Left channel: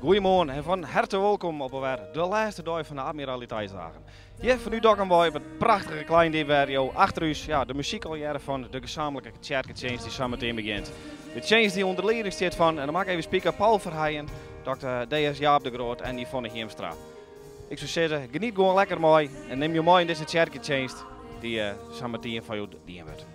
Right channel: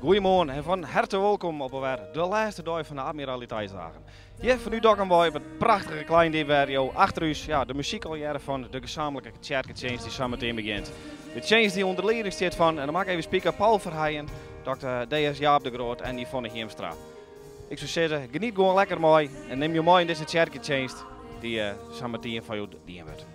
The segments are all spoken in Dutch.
Goedemorgen en van harte welkom op alweer de laatste dag van de Admiraliteitsdagen. Hier van u Dokkum Boy, het prachtige klein DWRO achter u, ja, de muziekaljaren van de gezamenlijke kerkendienst die zometeen begint. De change die onder leiding staat van, en dan mag ik even spreken, Paul Verheijen, Dr. D.S. Jaap de Groot en Yvonne Heemstra. Ik zou zeggen, geniet gewoon lekker mooi en neem je mooi in deze kerkendienst die zometeen van u dienen wordt.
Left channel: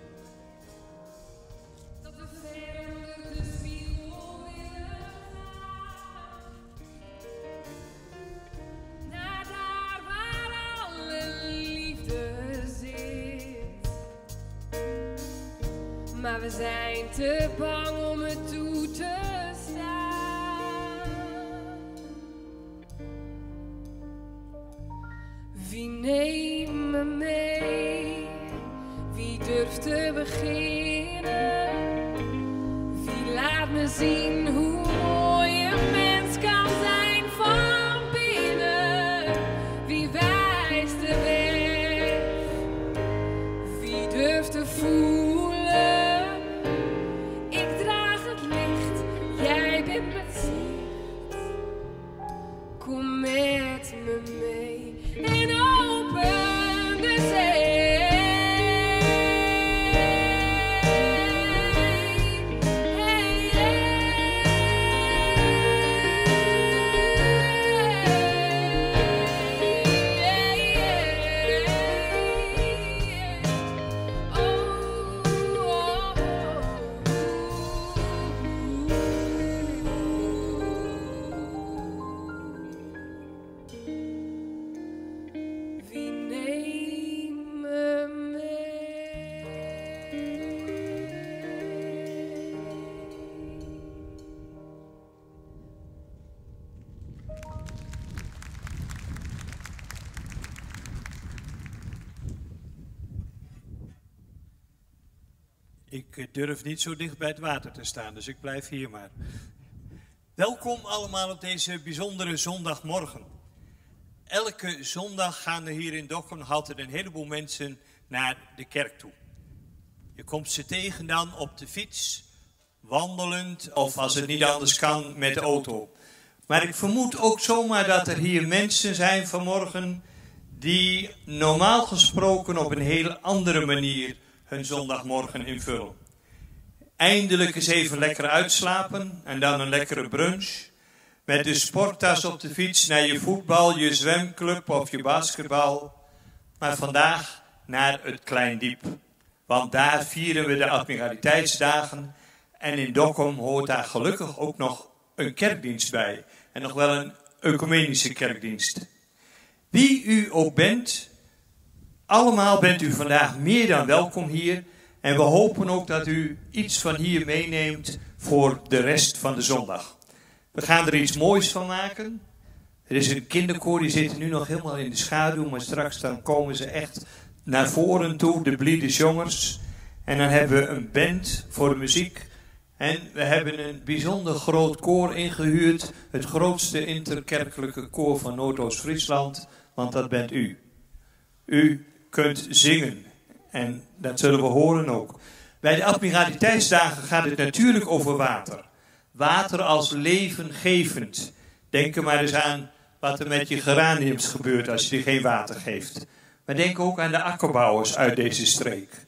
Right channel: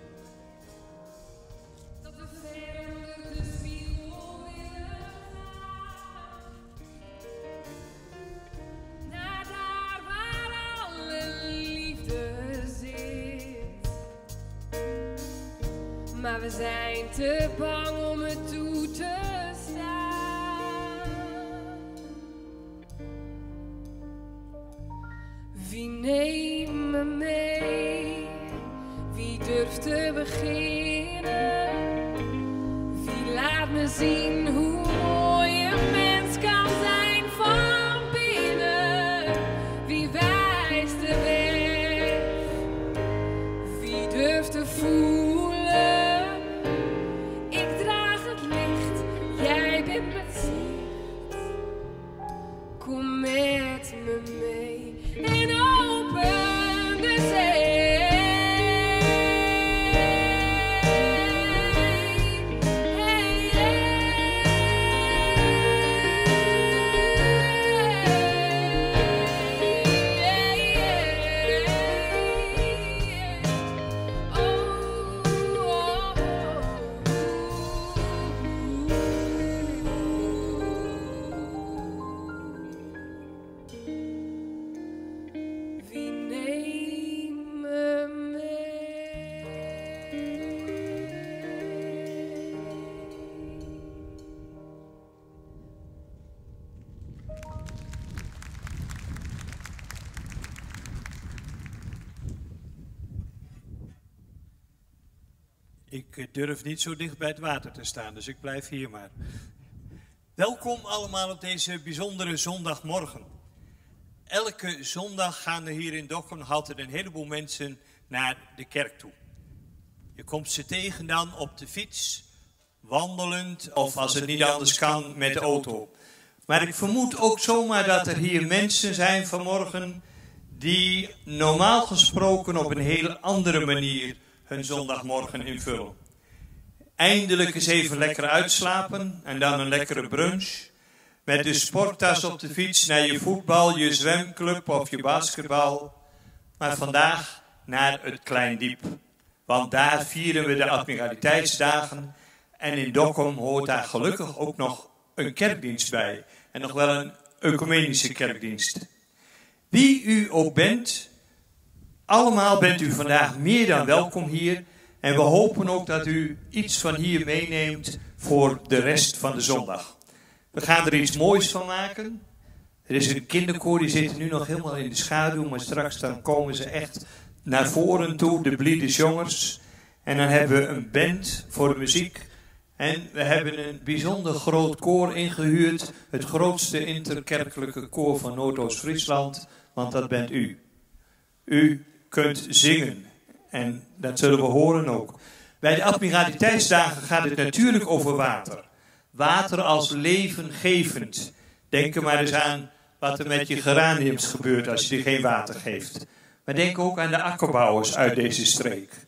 Maar we zijn te bang om het toe te staan. Wie neemt me mee? Wie durft te beginnen? Wie laat me zien hoe mooi een mens kan zijn van binnen? Wie wijst de weg? Wie durft te voelen? Kom met me mee en open de zee. Hey, Ik durf niet zo dicht bij het water te staan, dus ik blijf hier maar. Welkom allemaal op deze bijzondere zondagmorgen. Elke zondag gaan er hier in Dokkum nog altijd een heleboel mensen naar de kerk toe. Je komt ze tegen dan op de fiets, wandelend of als het niet anders kan met de auto. Maar ik vermoed ook zomaar dat er hier mensen zijn vanmorgen die normaal gesproken op een hele andere manier hun zondagmorgen invullen. Eindelijk eens even lekker uitslapen en dan een lekkere brunch. Met de sporttas op de fiets naar je voetbal, je zwemclub of je basketbal. Maar vandaag naar het Kleindiep. Want daar vieren we de Admiraliteitsdagen. En in Dokkum hoort daar gelukkig ook nog een kerkdienst bij. En nog wel een ecumenische kerkdienst. Wie u ook bent, allemaal bent u vandaag meer dan welkom hier. En we hopen ook dat u iets van hier meeneemt voor de rest van de zondag. We gaan er iets moois van maken. Er is een kinderkoor, die zit nu nog helemaal in de schaduw. Maar straks dan komen ze echt naar voren toe, de Bliede Jongens. En dan hebben we een band voor de muziek. En we hebben een bijzonder groot koor ingehuurd. Het grootste interkerkelijke koor van Noordoost-Friesland. Want dat bent u. U kunt zingen. En dat zullen we horen ook. Bij de Admiraliteitsdagen gaat het natuurlijk over water. Water als levengevend. Denk er maar eens aan wat er met je geraniums gebeurt als je geen water geeft. Maar denk ook aan de akkerbouwers uit deze streek.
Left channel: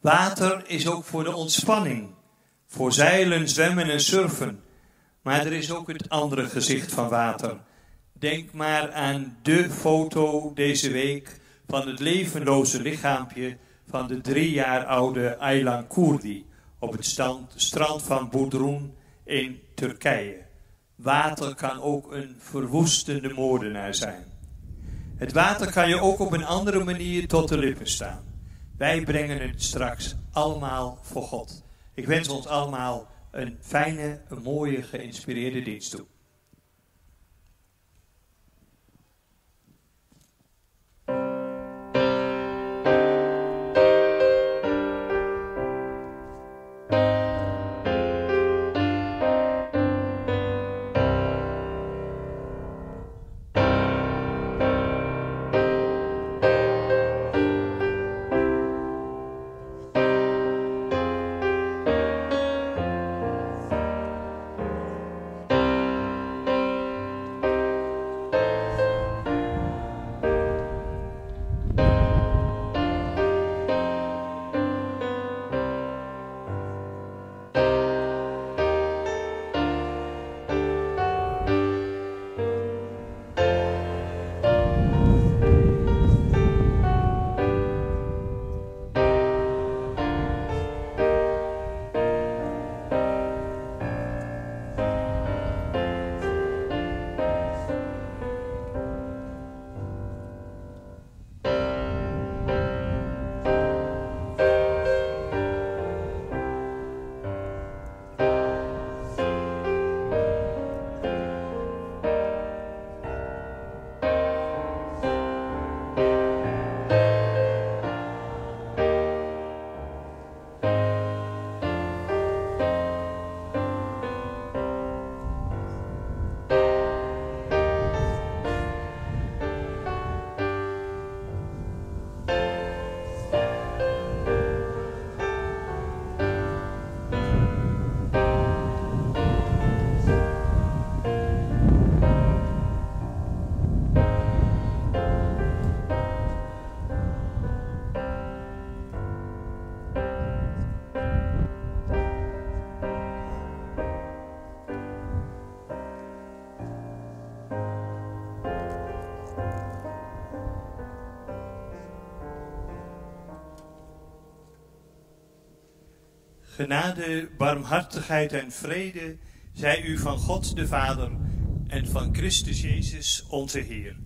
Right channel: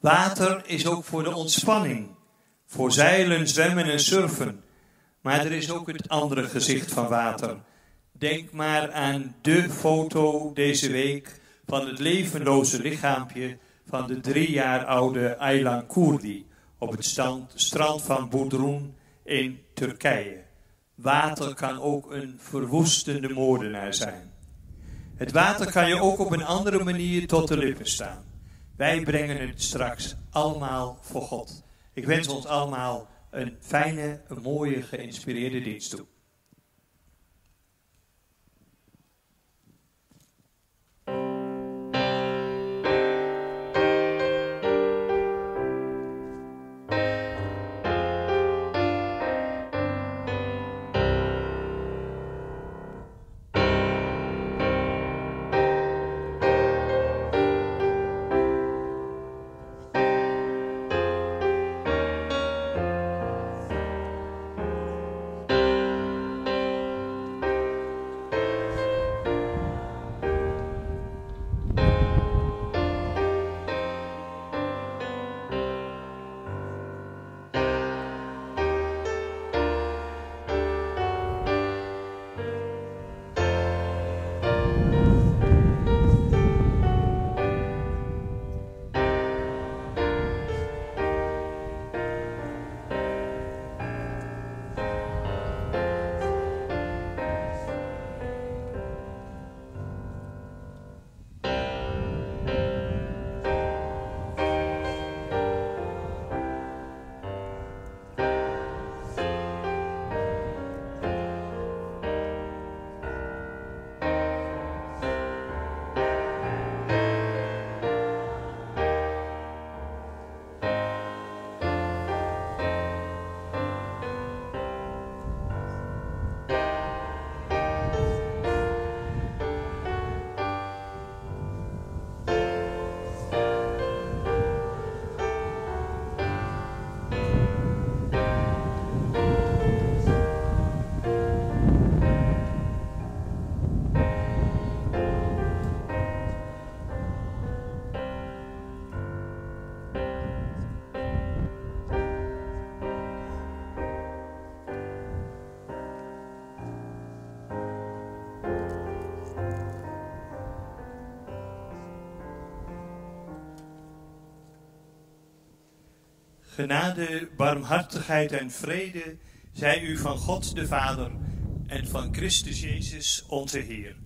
Water is ook voor de ontspanning. Voor zeilen, zwemmen en surfen. Maar er is ook het andere gezicht van water. Denk maar aan de foto deze week van het levenloze lichaampje van de 3 jaar oude Aylan Kurdi op het strand van Bodrum in Turkije. Water kan ook een verwoestende moordenaar zijn. Het water kan je ook op een andere manier tot de lippen staan. Wij brengen het straks allemaal voor God. Ik wens ons allemaal een fijne, een mooie, geïnspireerde dienst toe. Genade, barmhartigheid en vrede zij u van God de Vader en van Christus Jezus onze Heer.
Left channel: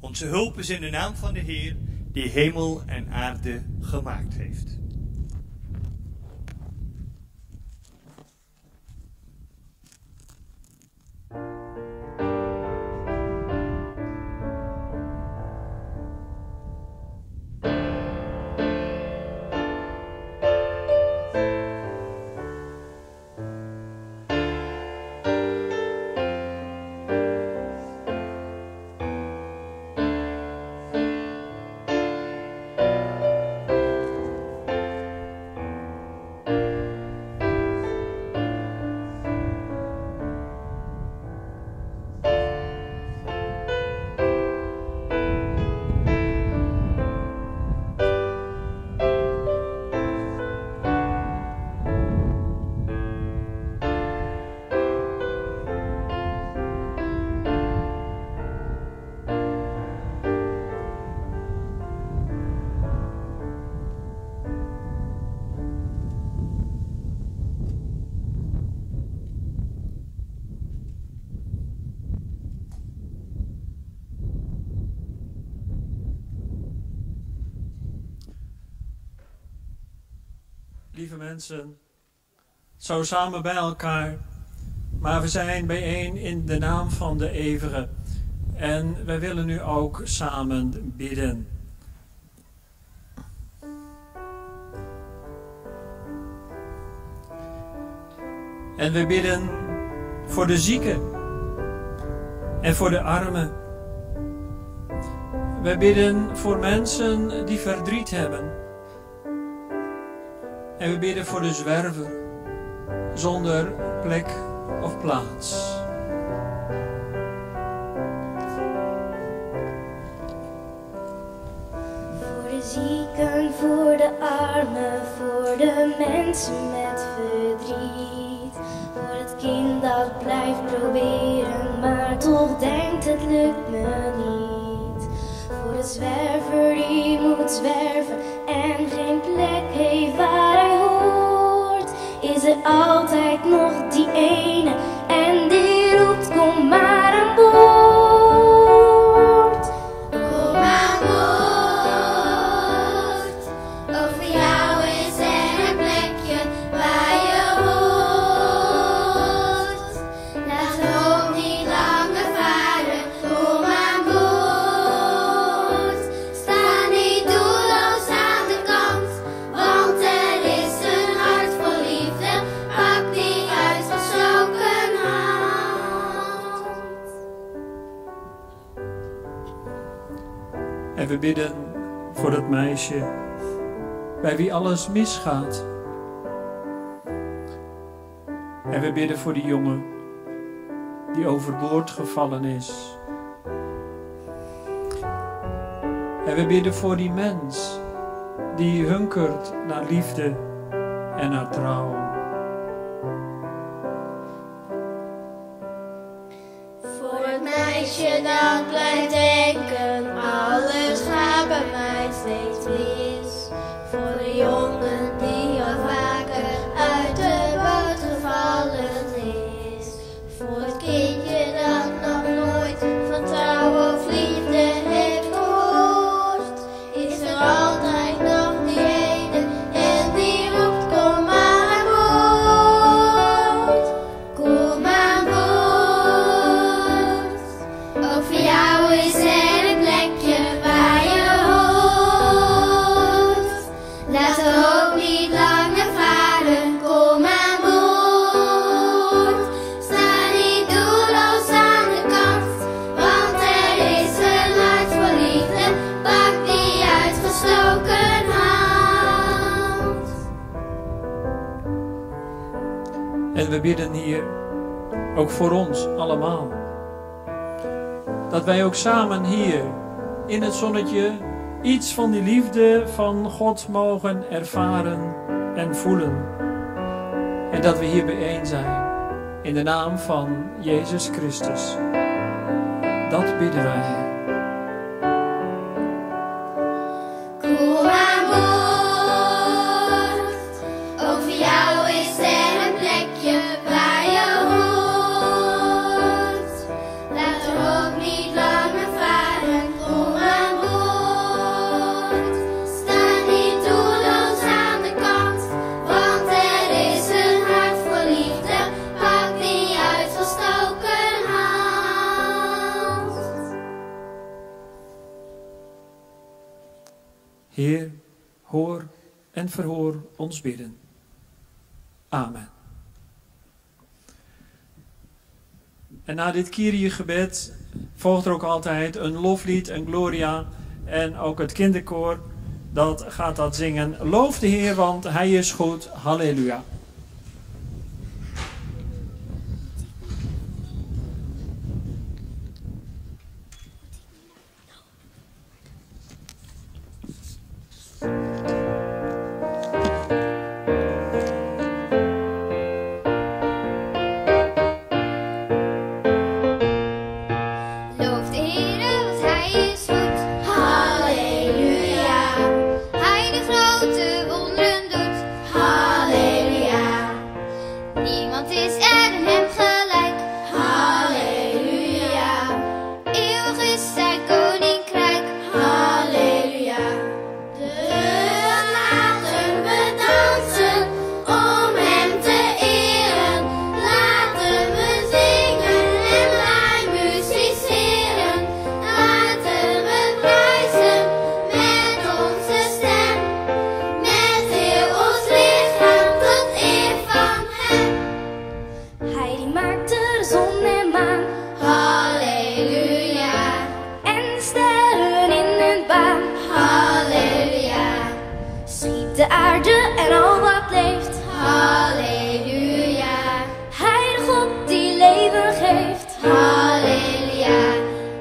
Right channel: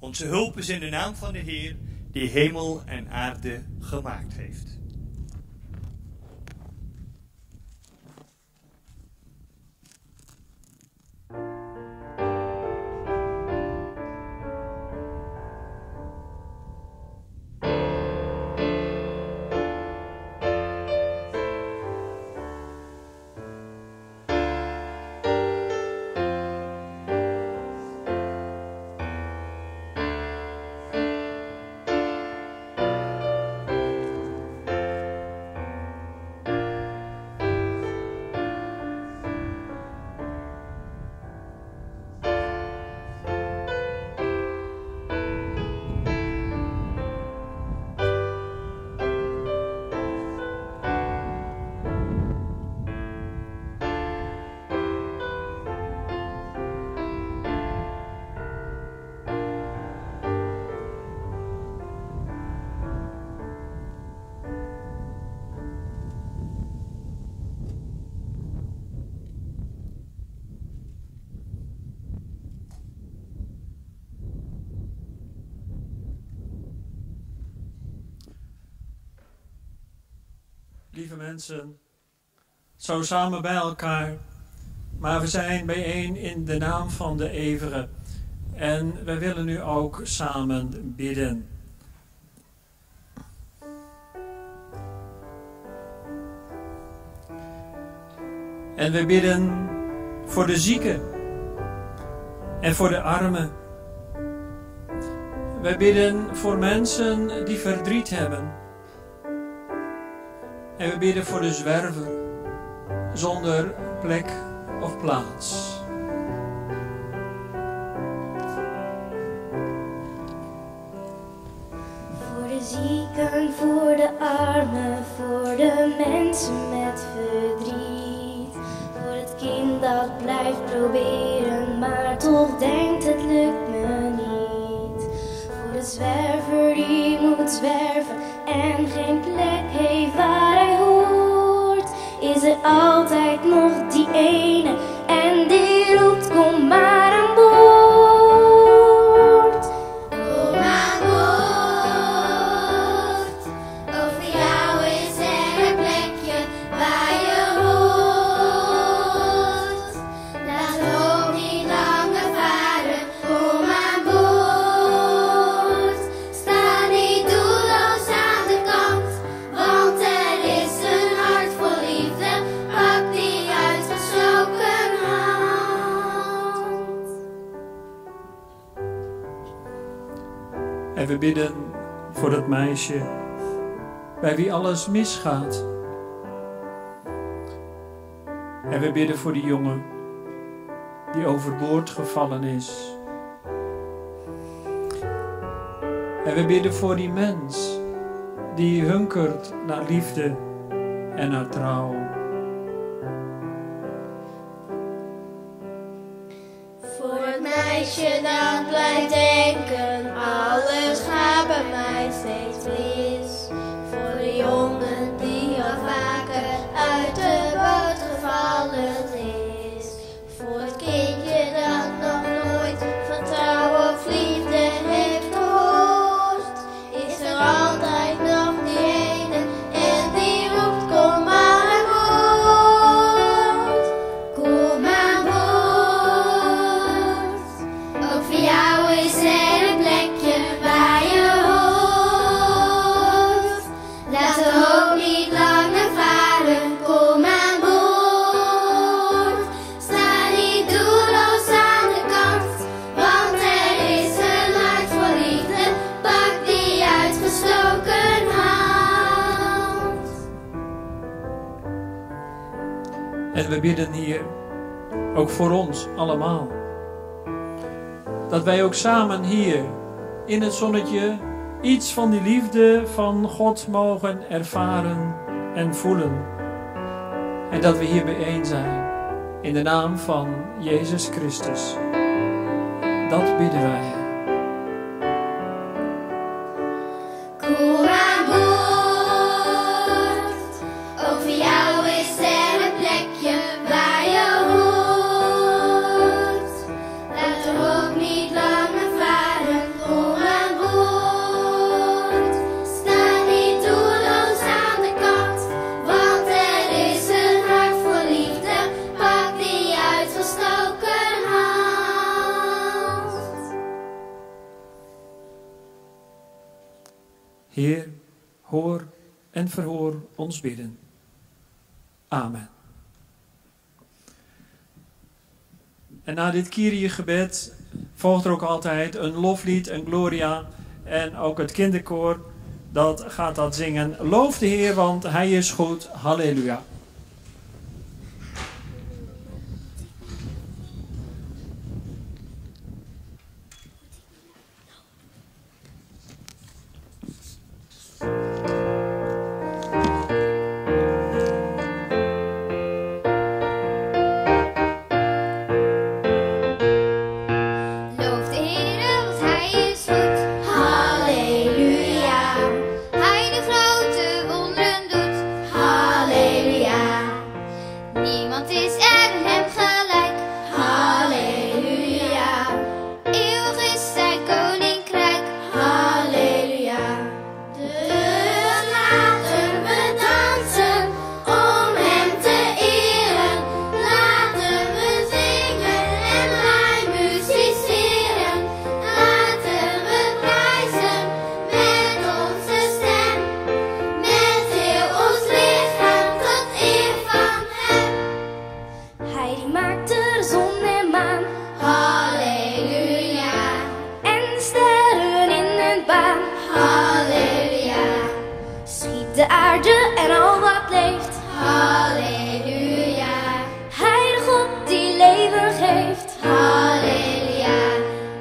Onze hulp is in de naam van de Heer die hemel en aarde gemaakt heeft. Lieve mensen, zo samen bij elkaar, maar we zijn bijeen in de naam van de Eeuwige. En we willen nu ook samen bidden. En we bidden voor de zieken en voor de armen. We bidden voor mensen die verdriet hebben. En we bidden voor de zwerver, zonder plek of plaats. Voor de zieken, voor de armen, voor de mensen met verdriet. Voor het kind dat blijft proberen, maar toch denkt het lukt me niet. Voor de zwerver die moet zwerven en geen plek heeft waar hij hoort, is er altijd nog die ene en die roept kom maar aan boord. Kom aan boord, over jou is er een plekje waar je hoort. Laat de hoop niet langer varen, kom aan boord. Sta niet doelloos aan de kant, want er is een hart vol liefde, pak die uitgestoken hand. En we bidden voor dat meisje bij wie alles misgaat. En we bidden voor die jongen die overboord gevallen is. En we bidden voor die mens die hunkert naar liefde en naar trouw. Voor het meisje dat blijft denken, alles gaat bij mij steeds mis. Voor de jongen die al vaker uit de boot gevallen is. Voor het kindje dat nog nooit van trouw of liefde heeft gehoord, is er altijd nog die ene en die roept kom maar aan boord. Kom aan boord, ook voor jou is er een plekje waar je hoort. Laat de hoop niet langer varen, kom aan boord. Sta niet doelloos aan de kant, want er is een hart vol liefde, pak die uitgestoken hand. En we bidden hier ook voor ons allemaal. Dat wij ook samen hier in het zonnetje iets van die liefde van God mogen ervaren en voelen. En dat we hier bijeen zijn in de naam van Jezus Christus. Dat bidden wij. Kom aan boord, ook voor jou is er een plekje waar je hoort. Laat er ook niet langer varen onaanboord. Sta niet doelloos aan de kant, want er is een hart voor liefde. Pak die uitgestoken hand. Heer, hoor en verhoor ons bidden. Amen. En na dit Kyrie-gebed volgt er ook altijd een loflied, een Gloria. En ook het kinderkoor dat gaat dat zingen. Loof de Heer, want Hij is goed. Halleluja. Loof de Heer, want Hij is goed. Halleluja. Hij de grote wonderen doet. Halleluja. Niemand is er hem gelijk. Halleluja. Eeuwig is zijn koninkrijk. Halleluja. Dus laten we dansen om hem te eren. Laten we zingen en wij musiceren. Laten we prijzen met onze stem. Met heel ons lichaam tot eer van hem. Hij maakt de zon en maan. Halleluja. En sterren in een baan. Halleluja. Schiep de aarde en al wat leeft. Halleluja. Hij de God die leven geeft. Halleluja.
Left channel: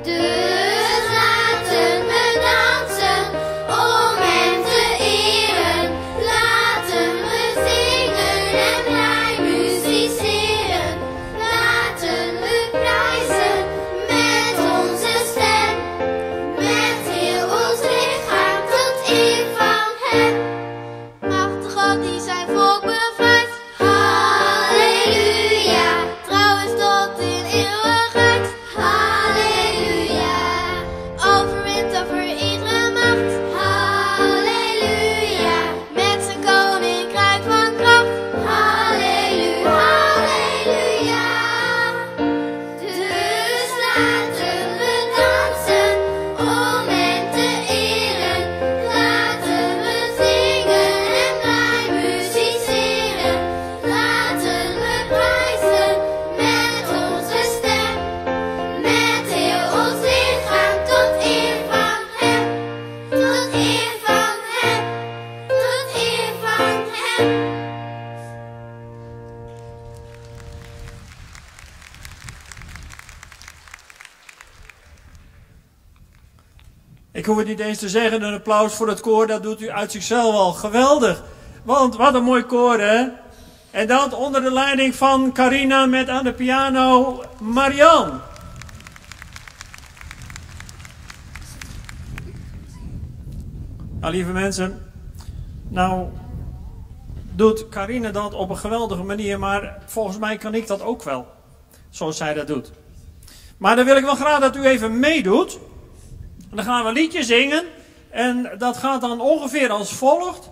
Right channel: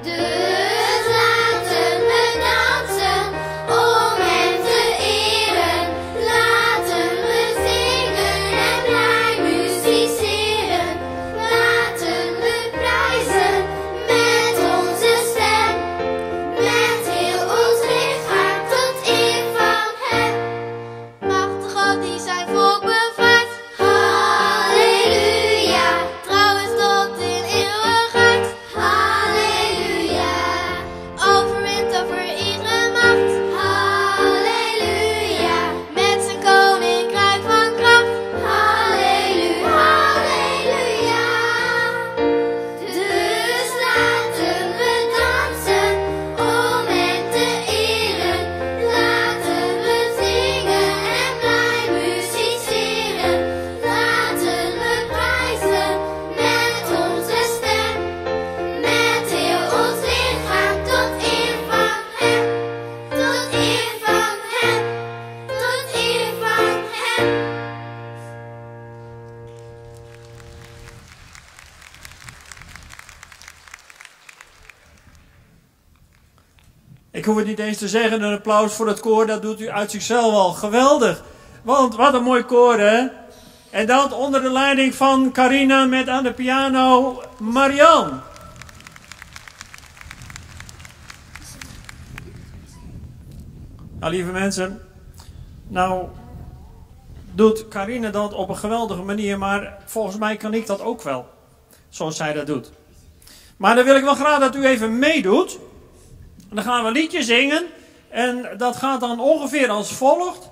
Dus laten we dansen om hem te eren. Laten we zingen en wij musiceren. Laten we prijzen met onze stem. Met heel ons lichaam tot eer van hem. Machtig God die zijn volk bevaart. Halleluja. Trouw is tot in eeuwigheid. Halleluja. Overwint over iedere macht. Halleluja. Met zijn koninkrijk van kracht. Halleluja. Halleluja. Dus laten we dansen om hem te eren. Laten we zingen en wij musiceren. Laten we prijzen met onze stem. Met heel ons lichaam tot eer van hem. Tot eer van hem. Tot eer van hem. Ik hoor niet eens te zeggen, een applaus voor het koor, dat doet u uit zichzelf al geweldig. Want wat een mooi koor, hè? En dat onder de leiding van Carina met aan de piano Marian. Nou, lieve mensen, nou doet Carina dat op een geweldige manier, maar volgens mij kan ik dat ook wel, zoals zij dat doet. Maar dan wil ik wel graag dat u even meedoet. Dan gaan we een liedje zingen en dat gaat dan ongeveer als volgt.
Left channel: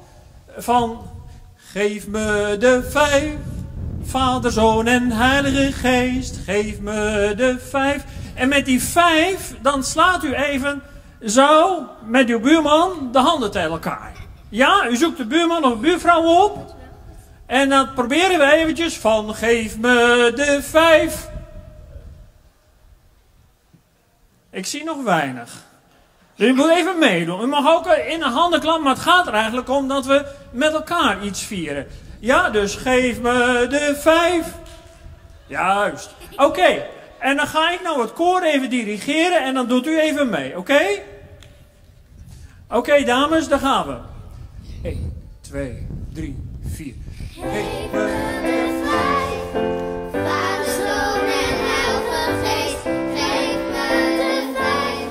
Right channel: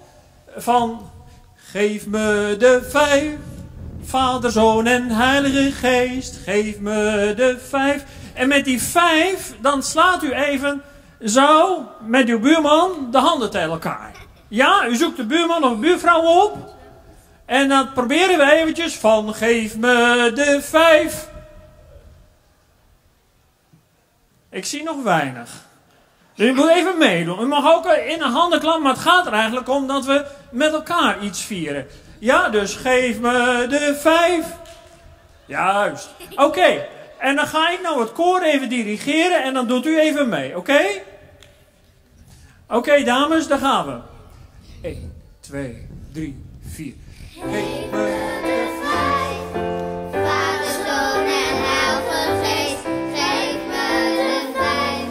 Van geef me de 5, Vader, Zoon en Heilige Geest. Geef me de 5. En met die 5, dan slaat u even zo met uw buurman de handen tegen elkaar. Ja, u zoekt de buurman of buurvrouw op. En dan proberen we eventjes van geef me de 5. Ik zie nog weinig. Dus u moet even meedoen. U mag ook in de handen klappen, maar het gaat er eigenlijk om dat we met elkaar iets vieren. Ja, dus geef me de 5. Juist. Oké. En dan ga ik nou het koor even dirigeren en dan doet u even mee. Oké? Oké, dames, daar gaan we. 1, 2, 3, 4. Geef me de 5, Vader, Zoon en Heilige Geest. Geef me de 5,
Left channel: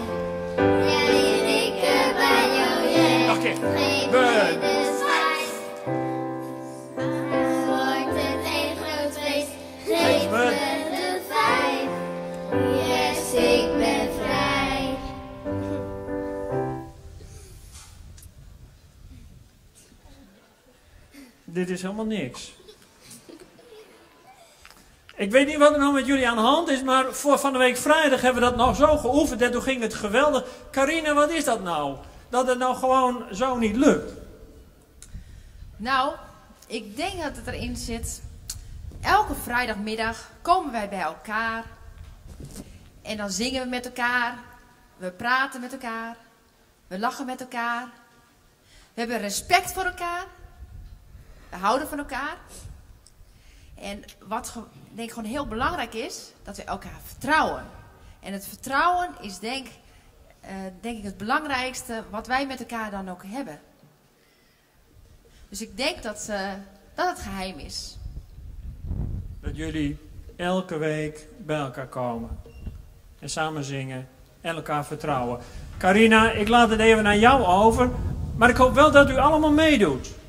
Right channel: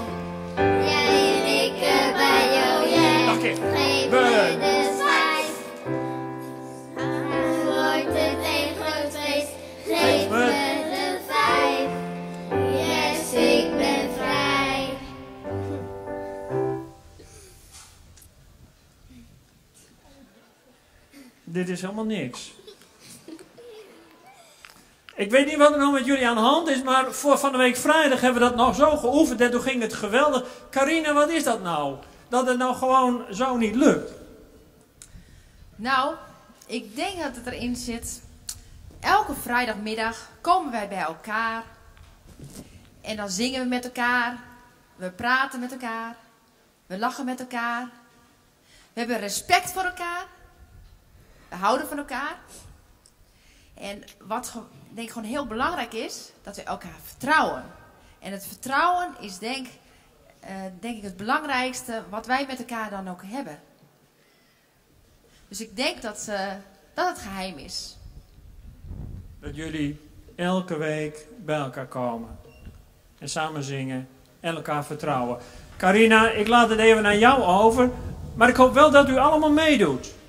jij ik ben jou, jij. Oké. Geef me de 5. Dit is helemaal niks. Ik weet niet wat er nou met jullie aan de hand is, maar voor van de week vrijdag hebben we dat nog zo geoefend en toen ging het geweldig. Carina, wat is dat nou? Dat het nou gewoon zo niet lukt? Nou, ik denk dat het erin zit. Elke vrijdagmiddag komen wij bij elkaar. En dan zingen we met elkaar. We praten met elkaar. We lachen met elkaar. We hebben respect voor elkaar. We houden van elkaar. En wat denk ik gewoon heel belangrijk is, dat we elkaar vertrouwen. En het vertrouwen is denk ik het belangrijkste wat wij met elkaar dan ook hebben. Dus ik denk dat het geheim is. Dat jullie elke week bij elkaar komen. En samen zingen. En elkaar vertrouwen. Carina, ik laat het even aan jou over. Maar ik hoop wel dat u allemaal meedoet.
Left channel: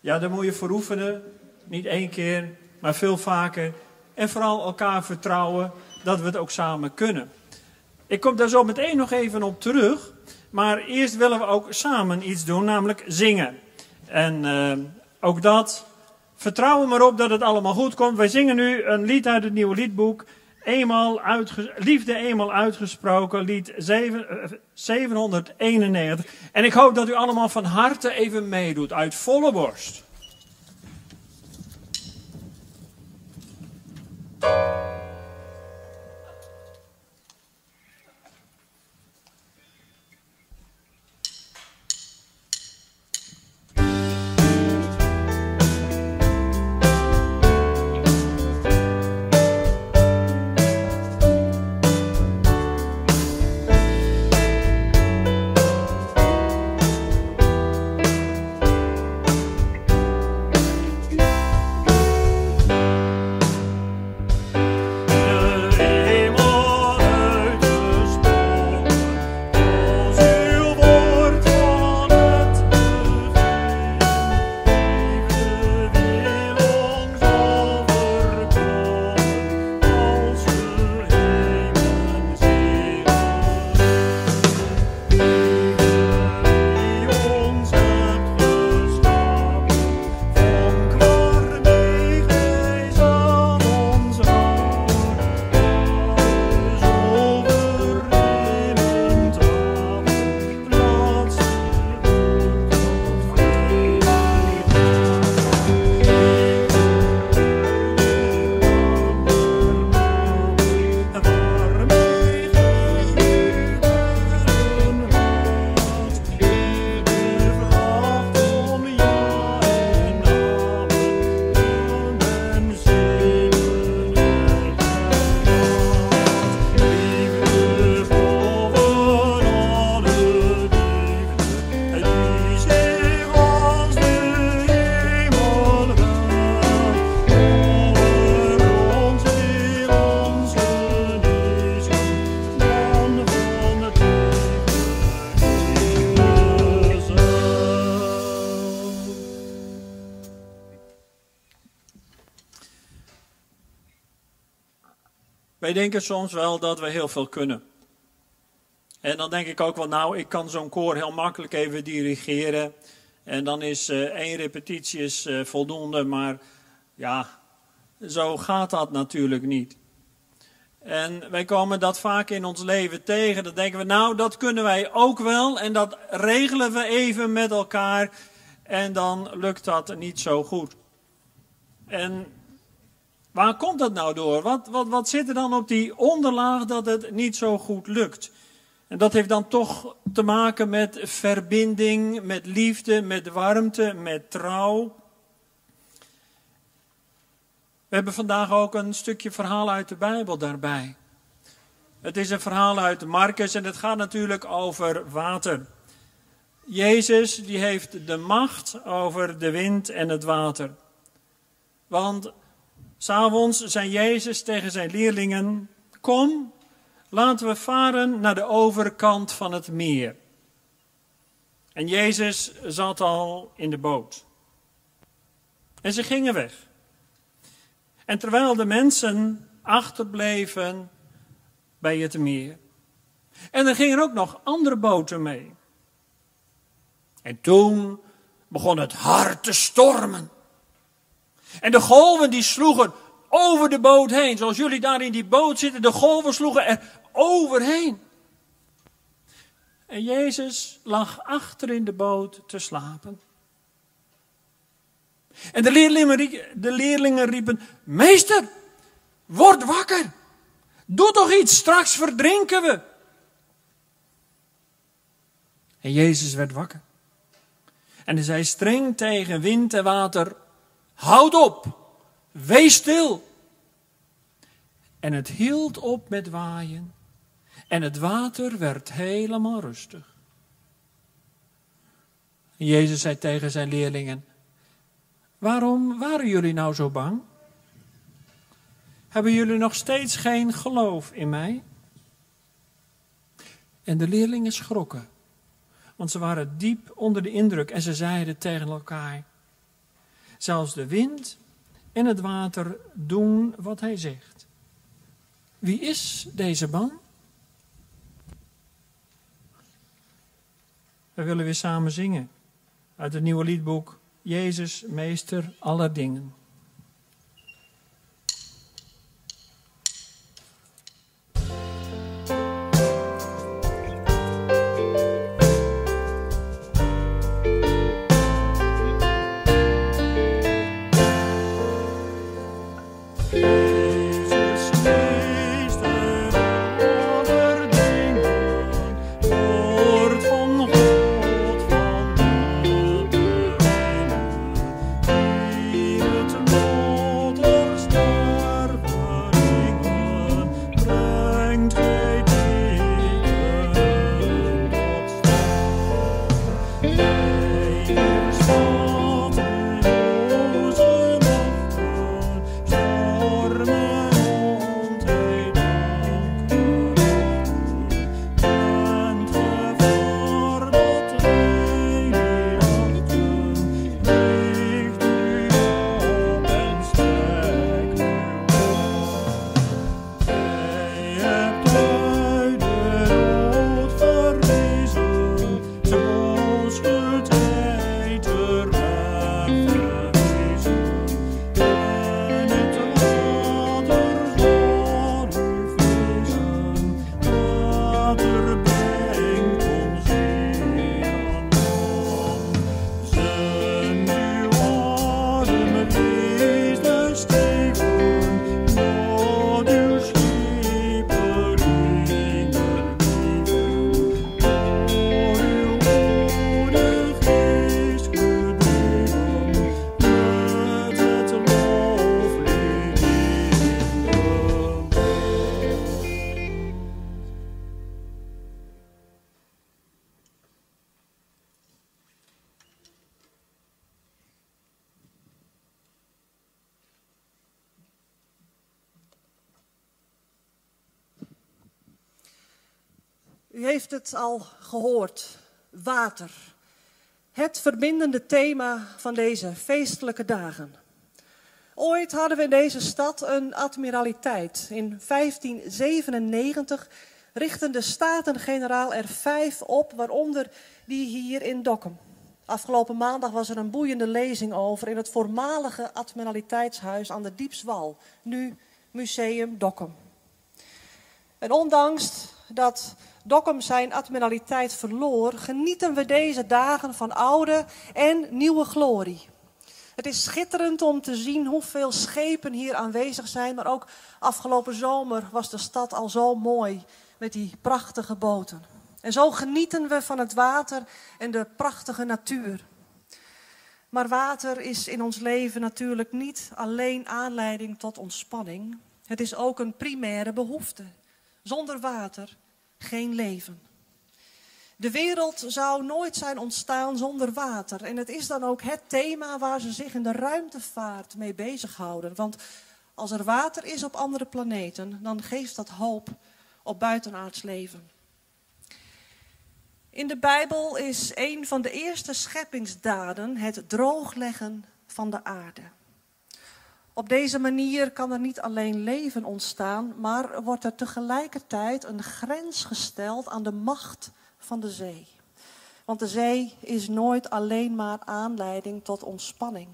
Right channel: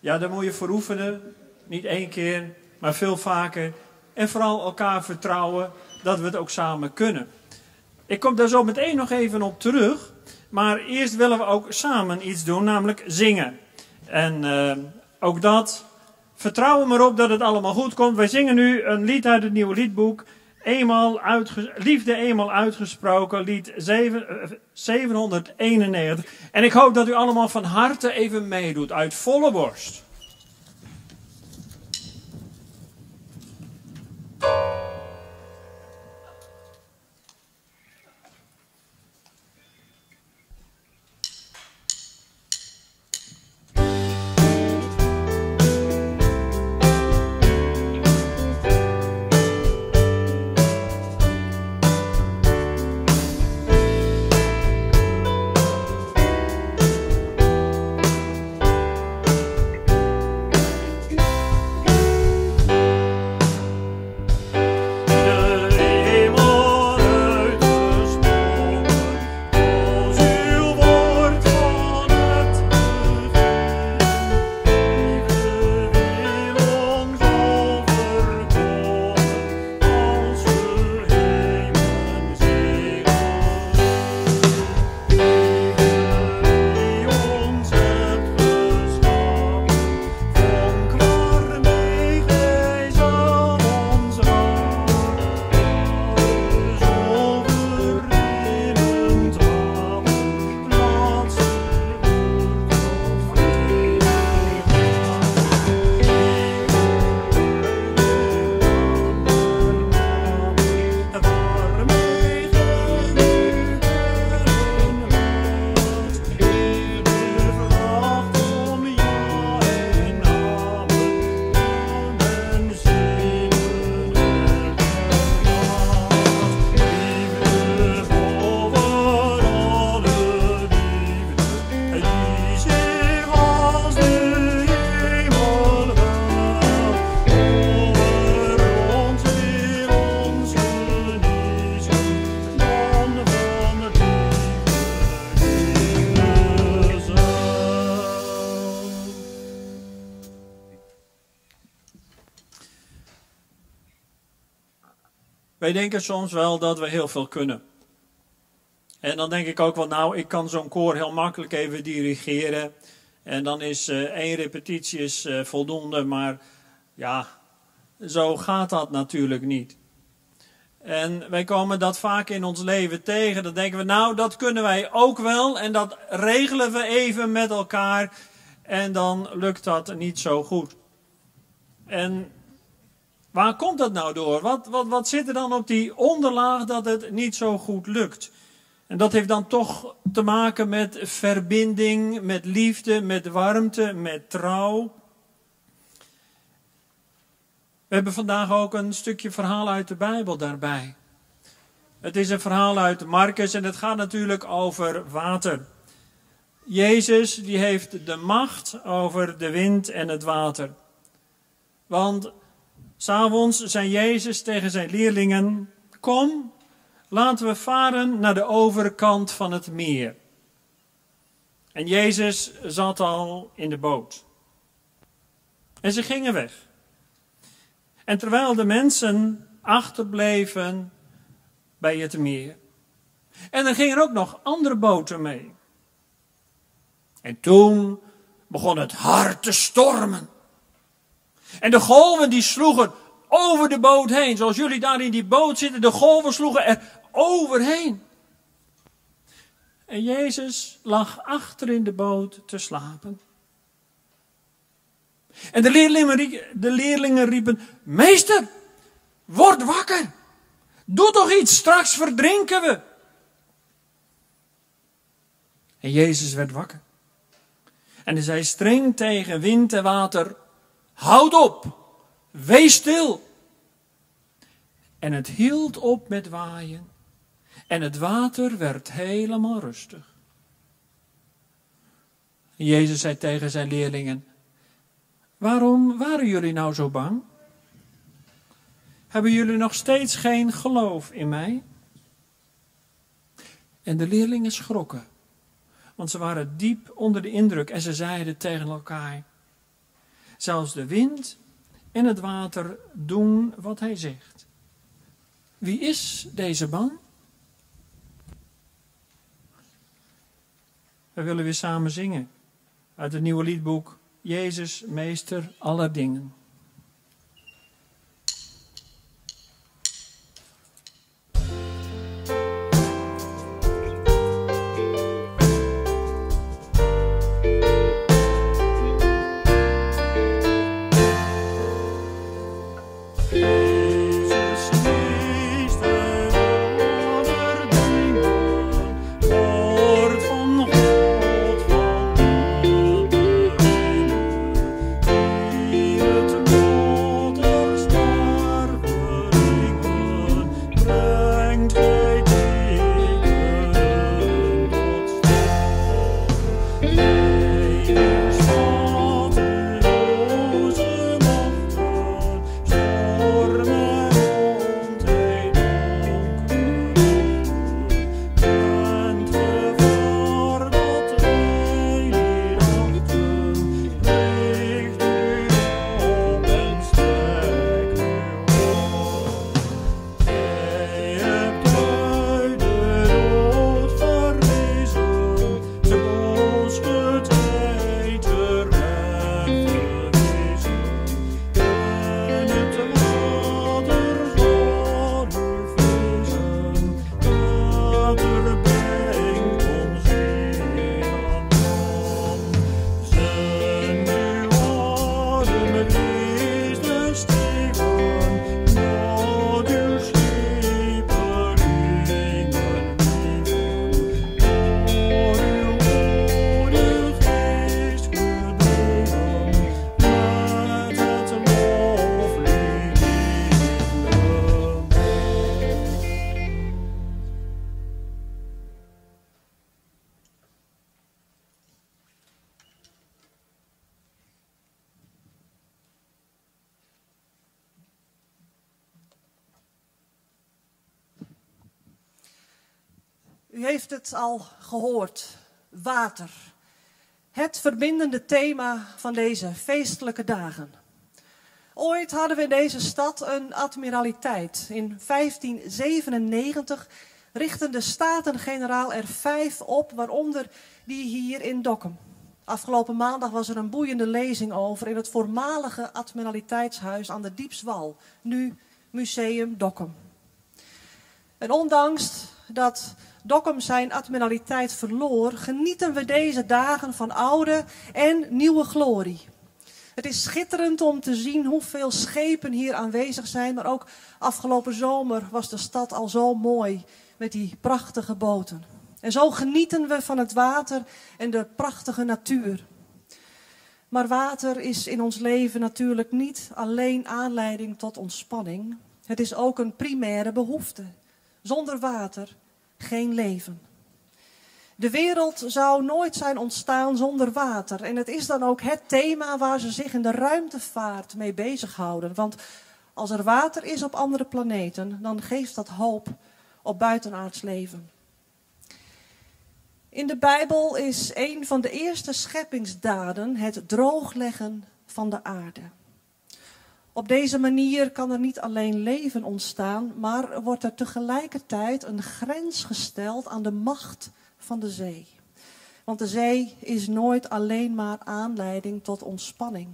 Ja, daar moet je voor oefenen. Niet één keer, maar veel vaker. En vooral elkaar vertrouwen dat we het ook samen kunnen. Ik kom daar zo meteen nog even op terug. Maar eerst willen we ook samen iets doen, namelijk zingen. En ook dat, vertrouwen maar op dat het allemaal goed komt. Wij zingen nu een lied uit het nieuwe liedboek. Liefde eenmaal uitgesproken, lied 791. En ik hoop dat u allemaal van harte even meedoet, uit volle borst. Wij denken soms wel dat we heel veel kunnen. En dan denk ik ook wel, nou, ik kan zo'n koor heel makkelijk even dirigeren. En dan is 1 repetitie is, voldoende, maar ja, zo gaat dat natuurlijk niet. En wij komen dat vaak in ons leven tegen. Dan denken we, nou, dat kunnen wij ook wel. En dat regelen we even met elkaar. En dan lukt dat niet zo goed. En waar komt dat nou door? Wat zit er dan op die onderlaag dat het niet zo goed lukt? En dat heeft dan toch te maken met verbinding, met liefde, met warmte, met trouw. We hebben vandaag ook een stukje verhaal uit de Bijbel daarbij. Het is een verhaal uit Marcus en het gaat natuurlijk over water. Jezus die heeft de macht over de wind en het water. Want 's avonds zei Jezus tegen zijn leerlingen: kom, laten we varen naar de overkant van het meer. En Jezus zat al in de boot. En ze gingen weg. En terwijl de mensen achterbleven bij het meer. En er gingen ook nog andere boten mee. En toen begon het hard te stormen. En de golven die sloegen over de boot heen. Zoals jullie daar in die boot zitten, de golven sloegen er overheen. En Jezus lag achter in de boot te slapen. En de leerlingen riepen: meester, word wakker. Doe toch iets, straks verdrinken we. En Jezus werd wakker. En hij zei streng tegen wind en water: houd op, wees stil. En het hield op met waaien. En het water werd helemaal rustig. En Jezus zei tegen zijn leerlingen: waarom waren jullie nou zo bang? Hebben jullie nog steeds geen geloof in mij? En de leerlingen schrokken, want ze waren diep onder de indruk en ze zeiden tegen elkaar: zelfs de wind en het water doen wat hij zegt. Wie is deze man? We willen weer samen zingen uit het nieuwe liedboek Jezus, meester aller dingen. U heeft het al gehoord, water. Het verbindende thema van deze feestelijke dagen. Ooit hadden we in deze stad een admiraliteit. In 1597 richtten de Staten-Generaal er 5 op, waaronder die hier in Dokkum. Afgelopen maandag was er een boeiende lezing over in het voormalige admiraliteitshuis aan de Diepswal, nu Museum Dokkum. En ondanks dat Dokkum zijn admiraliteit verloor, genieten we deze dagen van oude en nieuwe glorie. Het is schitterend om te zien hoeveel schepen hier aanwezig zijn, maar ook afgelopen zomer was de stad al zo mooi met die prachtige boten. En zo genieten we van het water en de prachtige natuur. Maar water is in ons leven natuurlijk niet alleen aanleiding tot ontspanning. Het is ook een primaire behoefte. Zonder water geen leven. De wereld zou nooit zijn ontstaan zonder water. En het is dan ook het thema waar ze zich in de ruimtevaart mee bezighouden. Want als er water is op andere planeten, dan geeft dat hoop op buitenaards leven. In de Bijbel is een van de eerste scheppingsdaden het droogleggen van de aarde. Op deze manier kan er niet alleen leven ontstaan, maar wordt er tegelijkertijd een grens gesteld aan de macht van de zee. Want de zee is nooit alleen maar aanleiding tot ontspanning.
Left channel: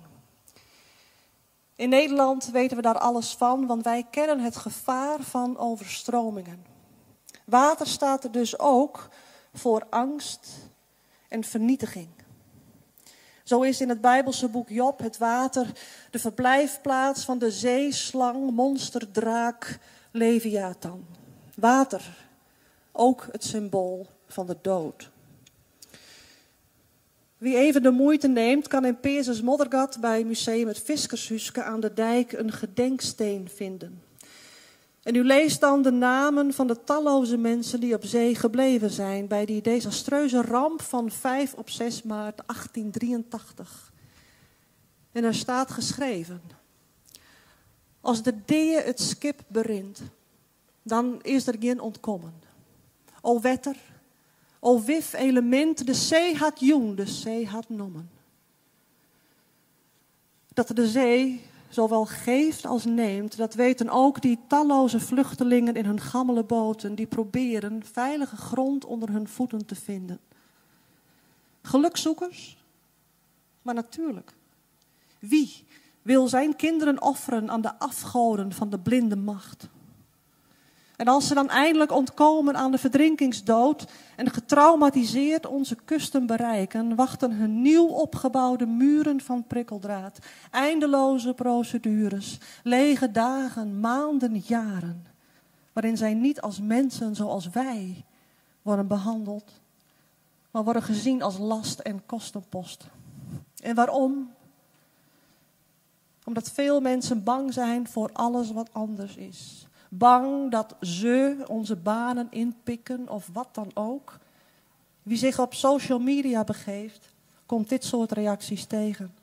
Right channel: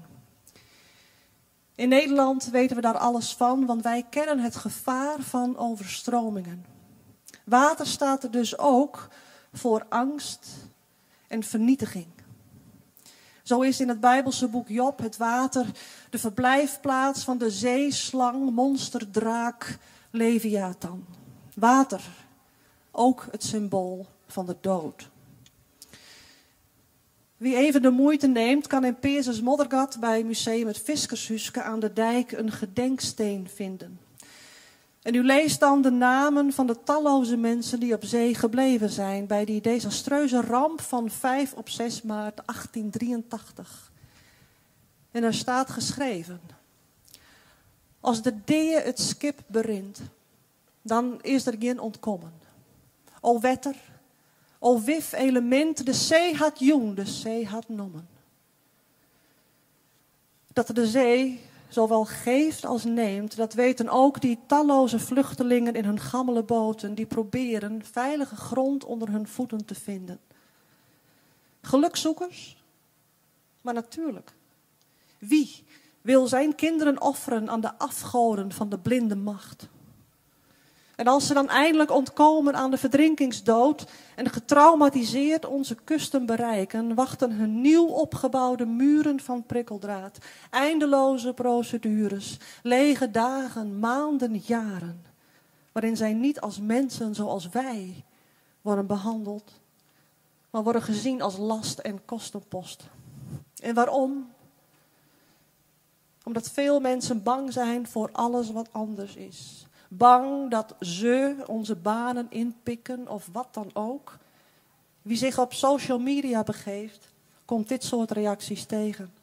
In Nederland weten we daar alles van, want wij kennen het gevaar van overstromingen. Water staat er dus ook voor angst en vernietiging. Zo is in het Bijbelse boek Job het water de verblijfplaats van de zeeslang, monsterdraak, Leviathan. Water, ook het symbool van de dood. Wie even de moeite neemt, kan in Peerses Moddergat bij Museum het Fiskershuske aan de dijk een gedenksteen vinden. En u leest dan de namen van de talloze mensen die op zee gebleven zijn bij die desastreuze ramp van 5 op 6 maart 1883. En er staat geschreven: als de dee het skip berint, dan is er geen ontkommen. O wetter, o wif element, de zee had jong, de zee had nommen. Dat de zee zowel geeft als neemt, dat weten ook die talloze vluchtelingen in hun gammele boten, die proberen veilige grond onder hun voeten te vinden. Gelukzoekers? Maar natuurlijk. Wie wil zijn kinderen offeren aan de afgoden van de blinde macht? En als ze dan eindelijk ontkomen aan de verdrinkingsdood en getraumatiseerd onze kusten bereiken, wachten hun nieuw opgebouwde muren van prikkeldraad, eindeloze procedures, lege dagen, maanden, jaren, waarin zij niet als mensen zoals wij worden behandeld, maar worden gezien als last en kostenpost. En waarom? Omdat veel mensen bang zijn voor alles wat anders is. Bang dat ze onze banen inpikken of wat dan ook. Wie zich op social media begeeft, komt dit soort reacties tegen.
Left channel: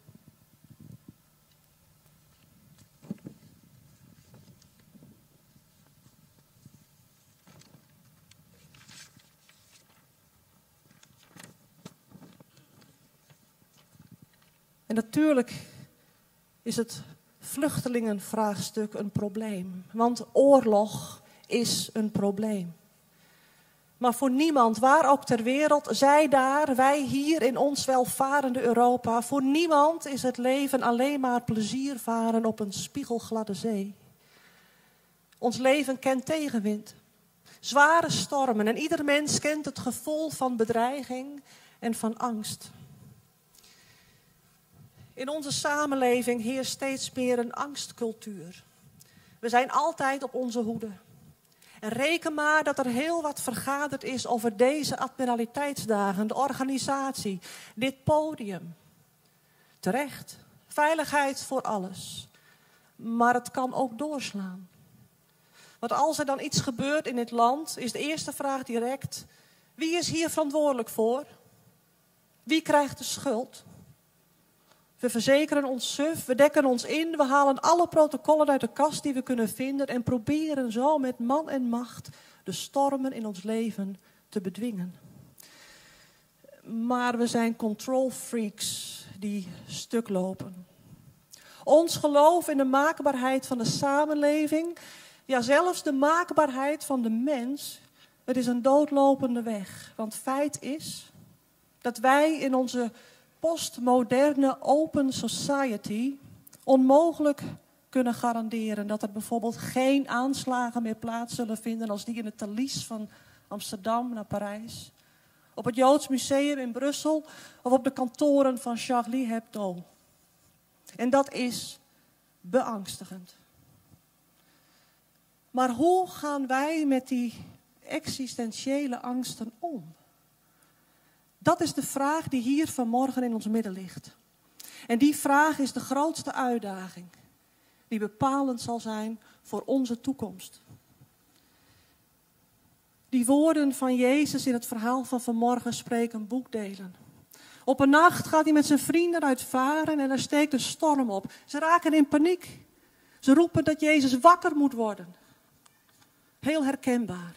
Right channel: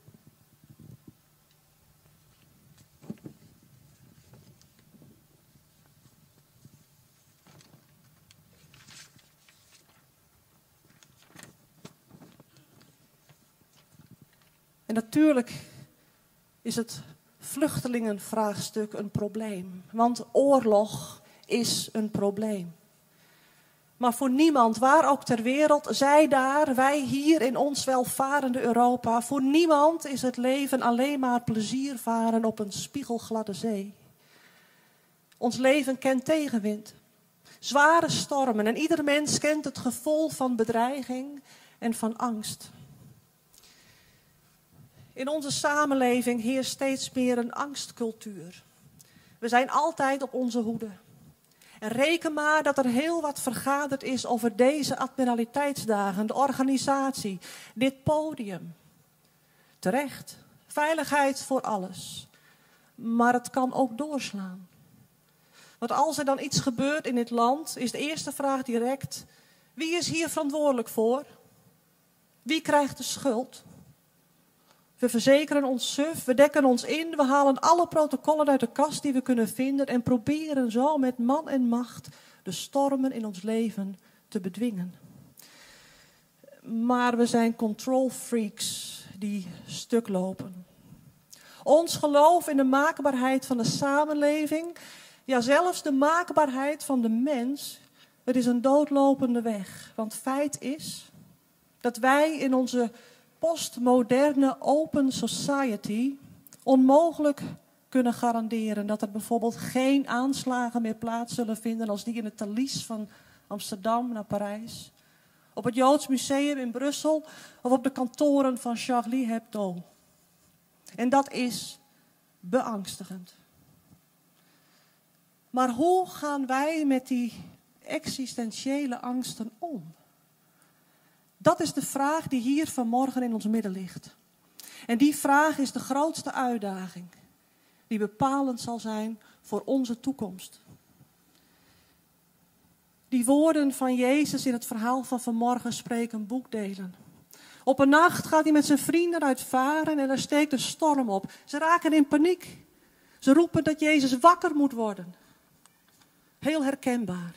En natuurlijk is het vluchtelingenvraagstuk een probleem. Want oorlog is een probleem. Maar voor niemand, waar ook ter wereld, zij daar, wij hier in ons welvarende Europa, voor niemand is het leven alleen maar plezier varen op een spiegelgladde zee. Ons leven kent tegenwind, zware stormen en ieder mens kent het gevoel van bedreiging en van angst. In onze samenleving heerst steeds meer een angstcultuur. We zijn altijd op onze hoede. En reken maar dat er heel wat vergaderd is over deze admiraliteitsdagen, de organisatie, dit podium. Terecht, veiligheid voor alles. Maar het kan ook doorslaan. Want als er dan iets gebeurt in dit land, is de eerste vraag direct: wie is hier verantwoordelijk voor? Wie krijgt de schuld? We verzekeren ons suf, we dekken ons in, we halen alle protocollen uit de kast die we kunnen vinden en proberen zo met man en macht de stormen in ons leven te bedwingen. Maar we zijn control freaks die stuk lopen. Ons geloof in de maakbaarheid van de samenleving, ja zelfs de maakbaarheid van de mens, het is een doodlopende weg. Want feit is dat wij in onze postmoderne open society onmogelijk kunnen garanderen dat er bijvoorbeeld geen aanslagen meer plaats zullen vinden als die in het Thalys van Amsterdam naar Parijs, op het Joods Museum in Brussel of op de kantoren van Charlie Hebdo. En dat is beangstigend. Maar hoe gaan wij met die existentiële angsten om? Dat is de vraag die hier vanmorgen in ons midden ligt. En die vraag is de grootste uitdaging die bepalend zal zijn voor onze toekomst. Die woorden van Jezus in het verhaal van vanmorgen spreken boekdelen. Op een nacht gaat hij met zijn vrienden uitvaren en er steekt een storm op. Ze raken in paniek. Ze roepen dat Jezus wakker moet worden. Heel herkenbaar.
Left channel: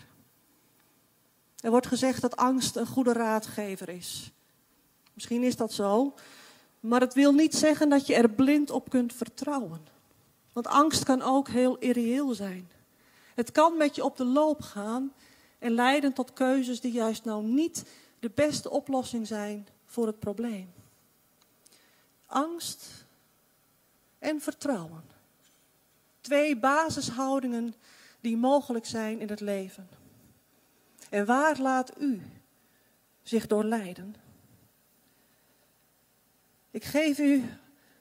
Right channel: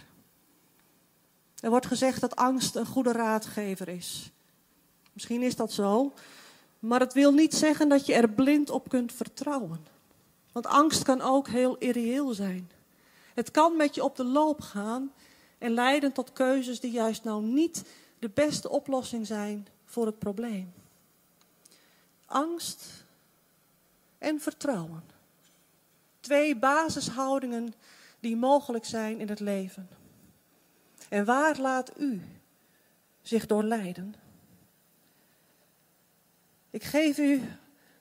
Er wordt gezegd dat angst een goede raadgever is. Misschien is dat zo, maar het wil niet zeggen dat je er blind op kunt vertrouwen. Want angst kan ook heel irreëel zijn. Het kan met je op de loop gaan en leiden tot keuzes die juist nou niet de beste oplossing zijn voor het probleem. Angst en vertrouwen. 2 basishoudingen die mogelijk zijn in het leven. En waar laat u zich door leiden? Ik geef u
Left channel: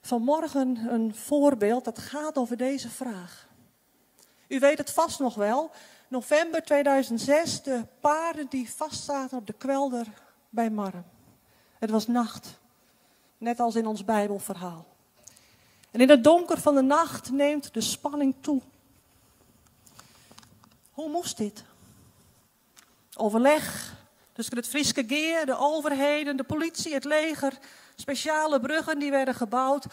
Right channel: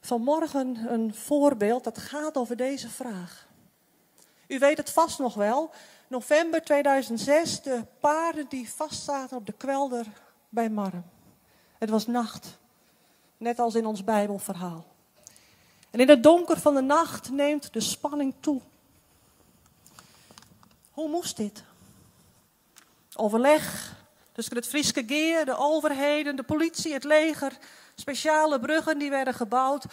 vanmorgen een voorbeeld dat gaat over deze vraag. U weet het vast nog wel. November 2006, de paarden die vastzaten op de kwelder bij Marren. Het was nacht, net als in ons Bijbelverhaal. En in het donker van de nacht neemt de spanning toe. Hoe moest dit? Overleg tussen het Frieske Geer, de overheden, de politie, het leger, speciale bruggen die werden gebouwd.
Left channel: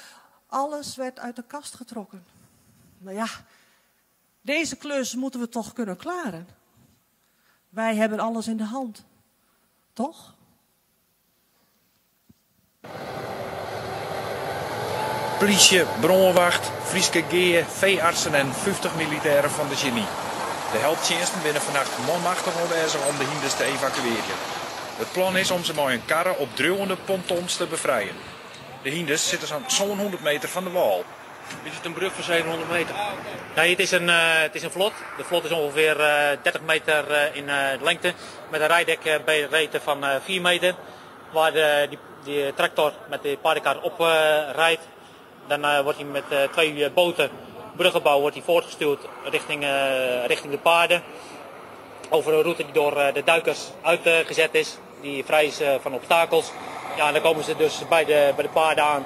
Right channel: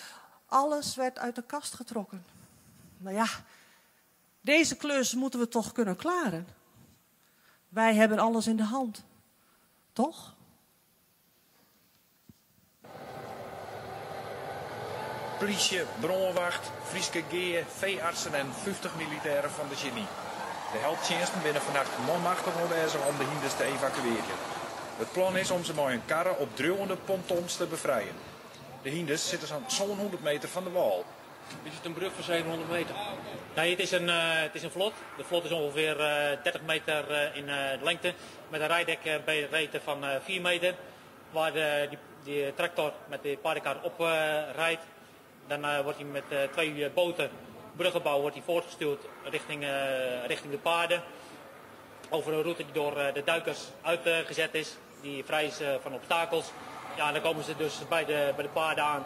Alles werd uit de kast getrokken. Nou ja, deze klus moeten we toch kunnen klaren. Wij hebben alles in de hand. Toch? Politie, brandwacht, Frieske Geer, veeartsen en 50 militairen van de genie. De hulpdiensten binnen vannacht manmachtig aanwezig om de hinders te evacueren. Het plan is om ze met een karre op druwende pontons te bevrijden. De hinders zitten zo'n 100 meter van de wal. Is het een brug van 700 meter? Nee, het is een vlot. De vlot is ongeveer 30 meter in lengte. Met een rijdekbreedte van 4 meter. Waar die tractor met de paardenkar op rijdt. Dan wordt hij met 2 boten, bruggenbouw, wordt hij voortgestuurd richting de paarden. Over een route die door de duikers uitgezet is. Die vrij is van obstakels. Ja, en dan komen ze dus bij de paarden aan.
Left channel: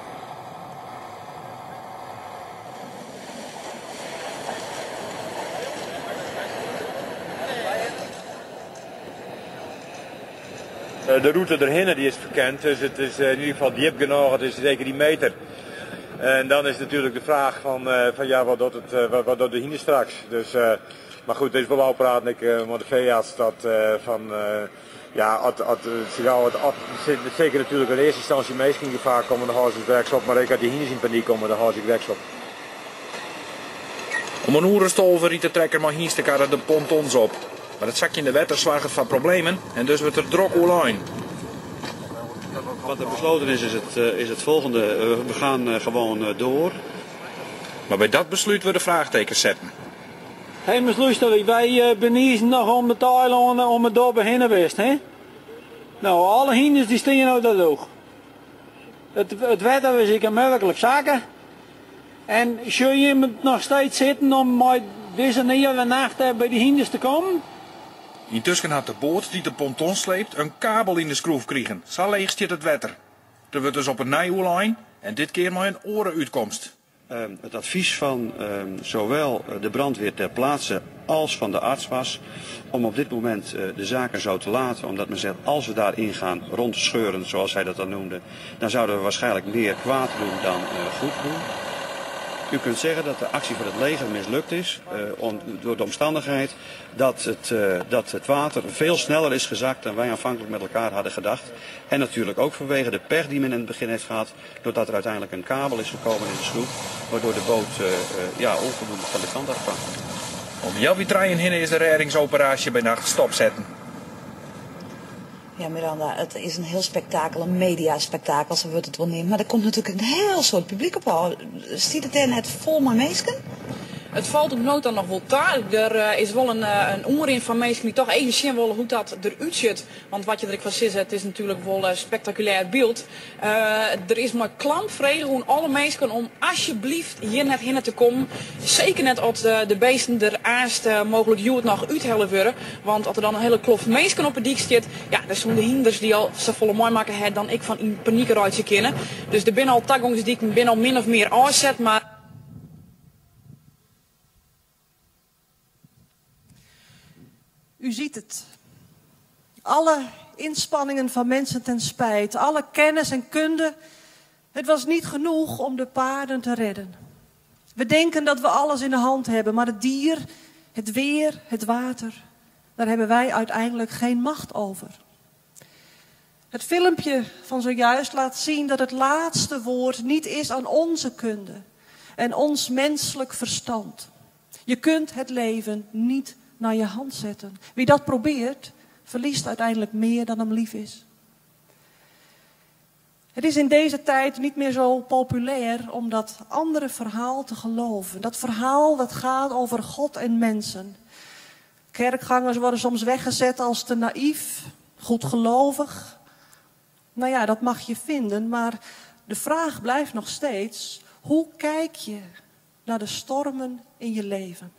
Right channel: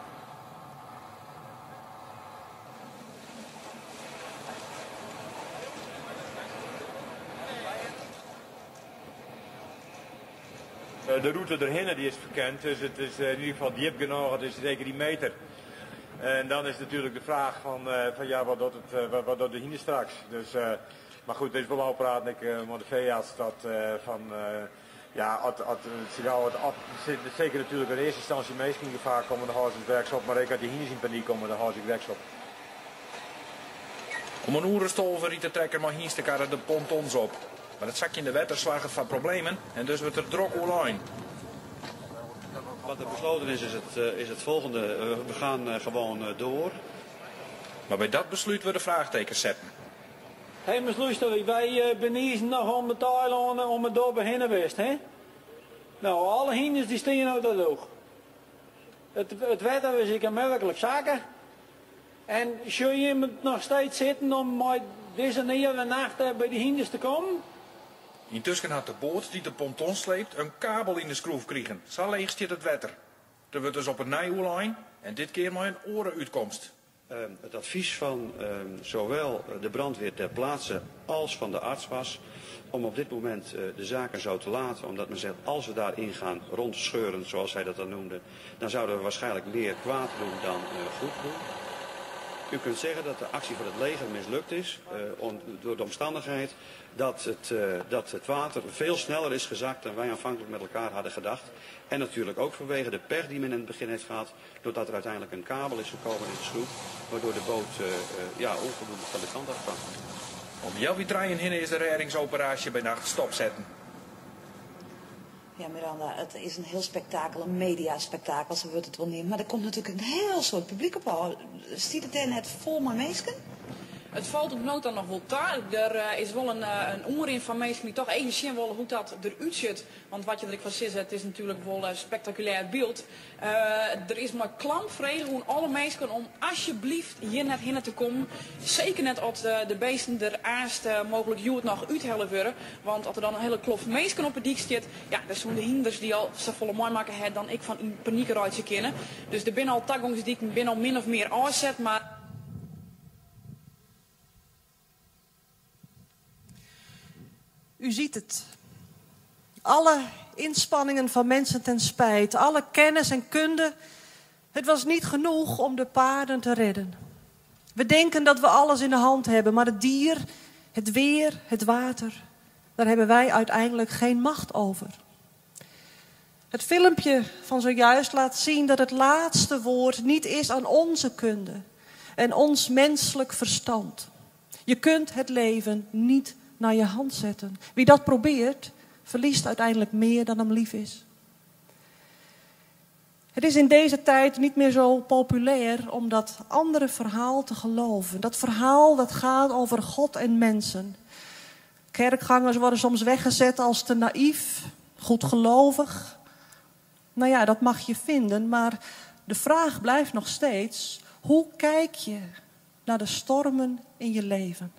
De route erheen die is bekend, dus het is in ieder geval diep genoeg, het is zeker die meter. En dan is natuurlijk de vraag van ja, wat doet de hinder straks? Dus, maar goed, het is wel al praten ik met de veearts dat zeker natuurlijk in eerste instantie meest in gevaar komen, dan houden ze het op, maar ik had die hinders in paniek komen, dan houden ze het op. Om een oerenstolver riet de trekker maar hienstekarren de pontons op. Maar het zakje in de wetter slaagt van problemen en dus wordt er drok online. Wat er besloten is het volgende. We gaan gewoon door. Maar bij dat besluit we de vraagtekens zetten. Hé, maar luister, wij beniezen nog om de eilanden om het dorp heen geweest, hè? Nou, alle hinders die staan uit dat oog. Het wetter is ik melkelijk zaken. En zul je nog steeds zitten om met deze nieuwe nacht bij de hinders te komen? Intussen had de boot die de ponton sleept een kabel in de schroef kregen. Zo leeg zit het wetter. Er wordt dus op een nijhoelijn en dit keer maar een orenuitkomst. Het advies van zowel de brandweer ter plaatse als van de arts was om op dit moment de zaken zo te laten. Omdat men zegt, als we daarin gaan rondscheuren, zoals hij dat dan noemde, dan zouden we waarschijnlijk meer kwaad doen dan goed doen. U kunt zeggen dat de actie van het leger mislukt is door de omstandigheid dat het water veel sneller is gezakt dan wij aanvankelijk met elkaar hadden gedacht. En natuurlijk ook vanwege de pech die men in het begin heeft gehad, doordat er uiteindelijk een kabel is gekomen in de sloep, waardoor de boot onvoldoende van de kant af kwam. Om jouw trein heen is de reddingsoperatie bij nacht stopzetten. Ja, Miranda, het is een heel spektakel, een mediaspektakel, zo wordt het wel nemen. Maar er komt natuurlijk een heel soort publiek op al. Ziet het er net vol maar mensen? Het valt op nood dan nog wel taal. Er is wel een omring van mensen die toch even zien willen hoe dat eruit ziet. Want wat je er van ziet, het is natuurlijk wel een spectaculair beeld. Er is maar klampvredig hoe alle mensen om alsjeblieft hier net heen te komen. Zeker net als de beesten er eerst mogelijk het nog uithellen worden. Want als er dan een hele kloof mensen op het dik zit, ja, dat zijn de hinders die al zo volle mooi maken hebben dan ik van in paniek eruit kennen. Dus er zijn al taggings die ik ben al min of meer aanzet, maar... U ziet het. Alle inspanningen van mensen ten spijt, alle kennis en kunde. Het was niet genoeg om de paarden te redden. We denken dat we alles in de hand hebben, maar het dier, het weer, het water, daar hebben wij uiteindelijk geen macht over. Het filmpje van zojuist laat zien dat het laatste woord niet is aan onze kunde en ons menselijk verstand. Je kunt het leven niet naar je hand zetten. Wie dat probeert, verliest uiteindelijk meer dan hem lief is. Het is in deze tijd niet meer zo populair om dat andere verhaal te geloven. Dat verhaal dat gaat over God en mensen. Kerkgangers worden soms weggezet als te naïef, goedgelovig. Nou ja, dat mag je vinden, maar de vraag blijft nog steeds: hoe kijk je naar de stormen in je leven?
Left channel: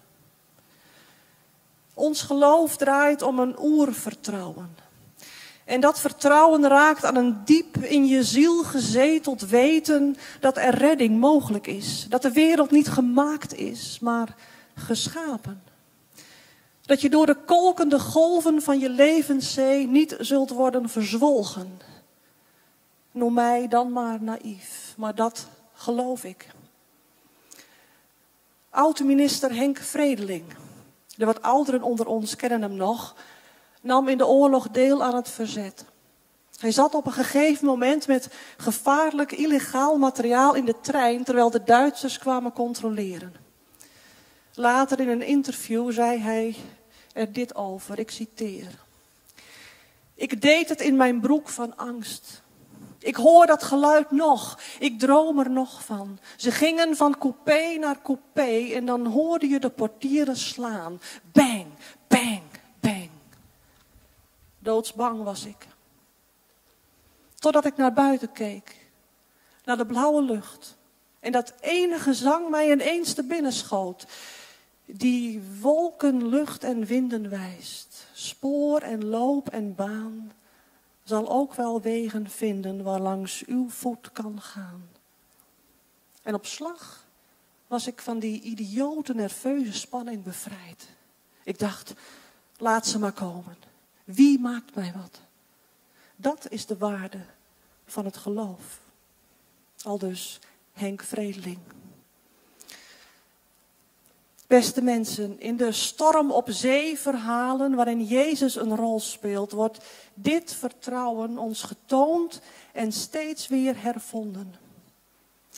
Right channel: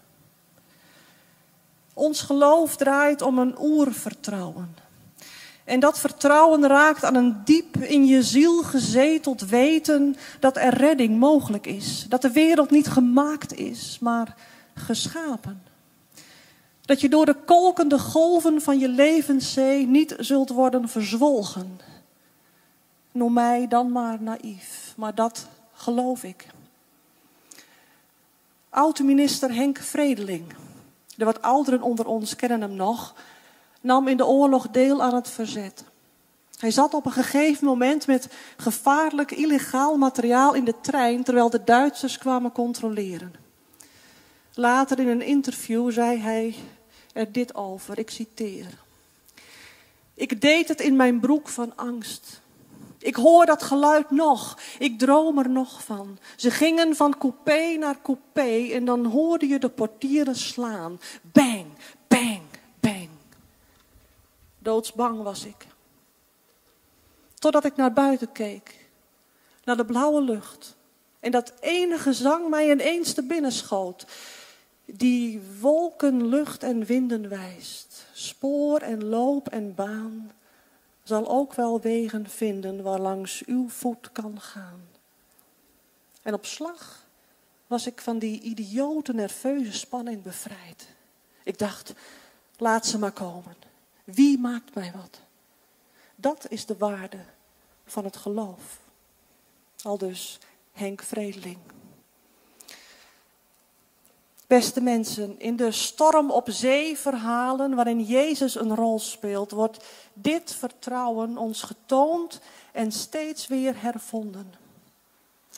Ons geloof draait om een oervertrouwen. En dat vertrouwen raakt aan een diep in je ziel gezeteld weten dat er redding mogelijk is. Dat de wereld niet gemaakt is, maar geschapen. Dat je door de kolkende golven van je levenszee niet zult worden verzwolgen. Noem mij dan maar naïef, maar dat geloof ik. Oud-minister Henk Vredeling, de wat ouderen onder ons kennen hem nog, nam in de oorlog deel aan het verzet. Hij zat op een gegeven moment met gevaarlijk illegaal materiaal in de trein terwijl de Duitsers kwamen controleren. Later in een interview zei hij er dit over, ik citeer. Ik deed het in mijn broek van angst. Ik hoor dat geluid nog, ik droom er nog van. Ze gingen van coupé naar coupé en dan hoorde je de portieren slaan. Bang, bang, bang. Doodsbang was ik. Totdat ik naar buiten keek, naar de blauwe lucht. En dat ene gezang mij ineens te binnen schoot. Die wolken, lucht en winden wijst. Spoor en loop en baan zal ook wel wegen vinden waarlangs uw voet kan gaan. En op slag was ik van die idiote nerveuze spanning bevrijd. Ik dacht, laat ze maar komen. Wie maakt mij wat? Dat is de waarde van het geloof. Aldus Henk Vredeling. Beste mensen, in de storm op zee verhalen waarin Jezus een rol speelt, wordt dit vertrouwen ons getoond en steeds weer hervonden.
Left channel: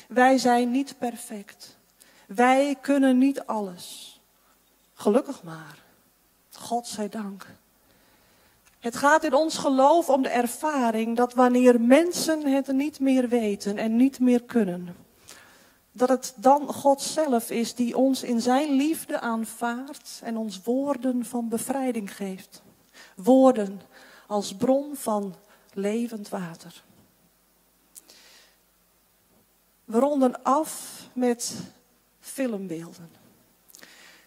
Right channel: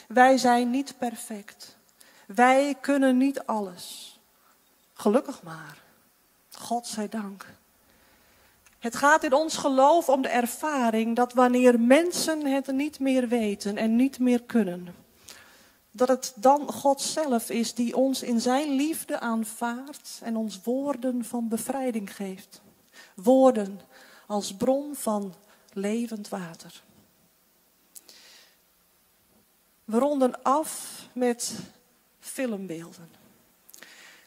Wij zijn niet perfect. Wij kunnen niet alles. Gelukkig maar. God zij dank. Het gaat in ons geloof om de ervaring dat wanneer mensen het niet meer weten en niet meer kunnen, dat het dan God zelf is die ons in zijn liefde aanvaardt en ons woorden van bevrijding geeft. Woorden als bron van levend water. We ronden af met filmbeelden.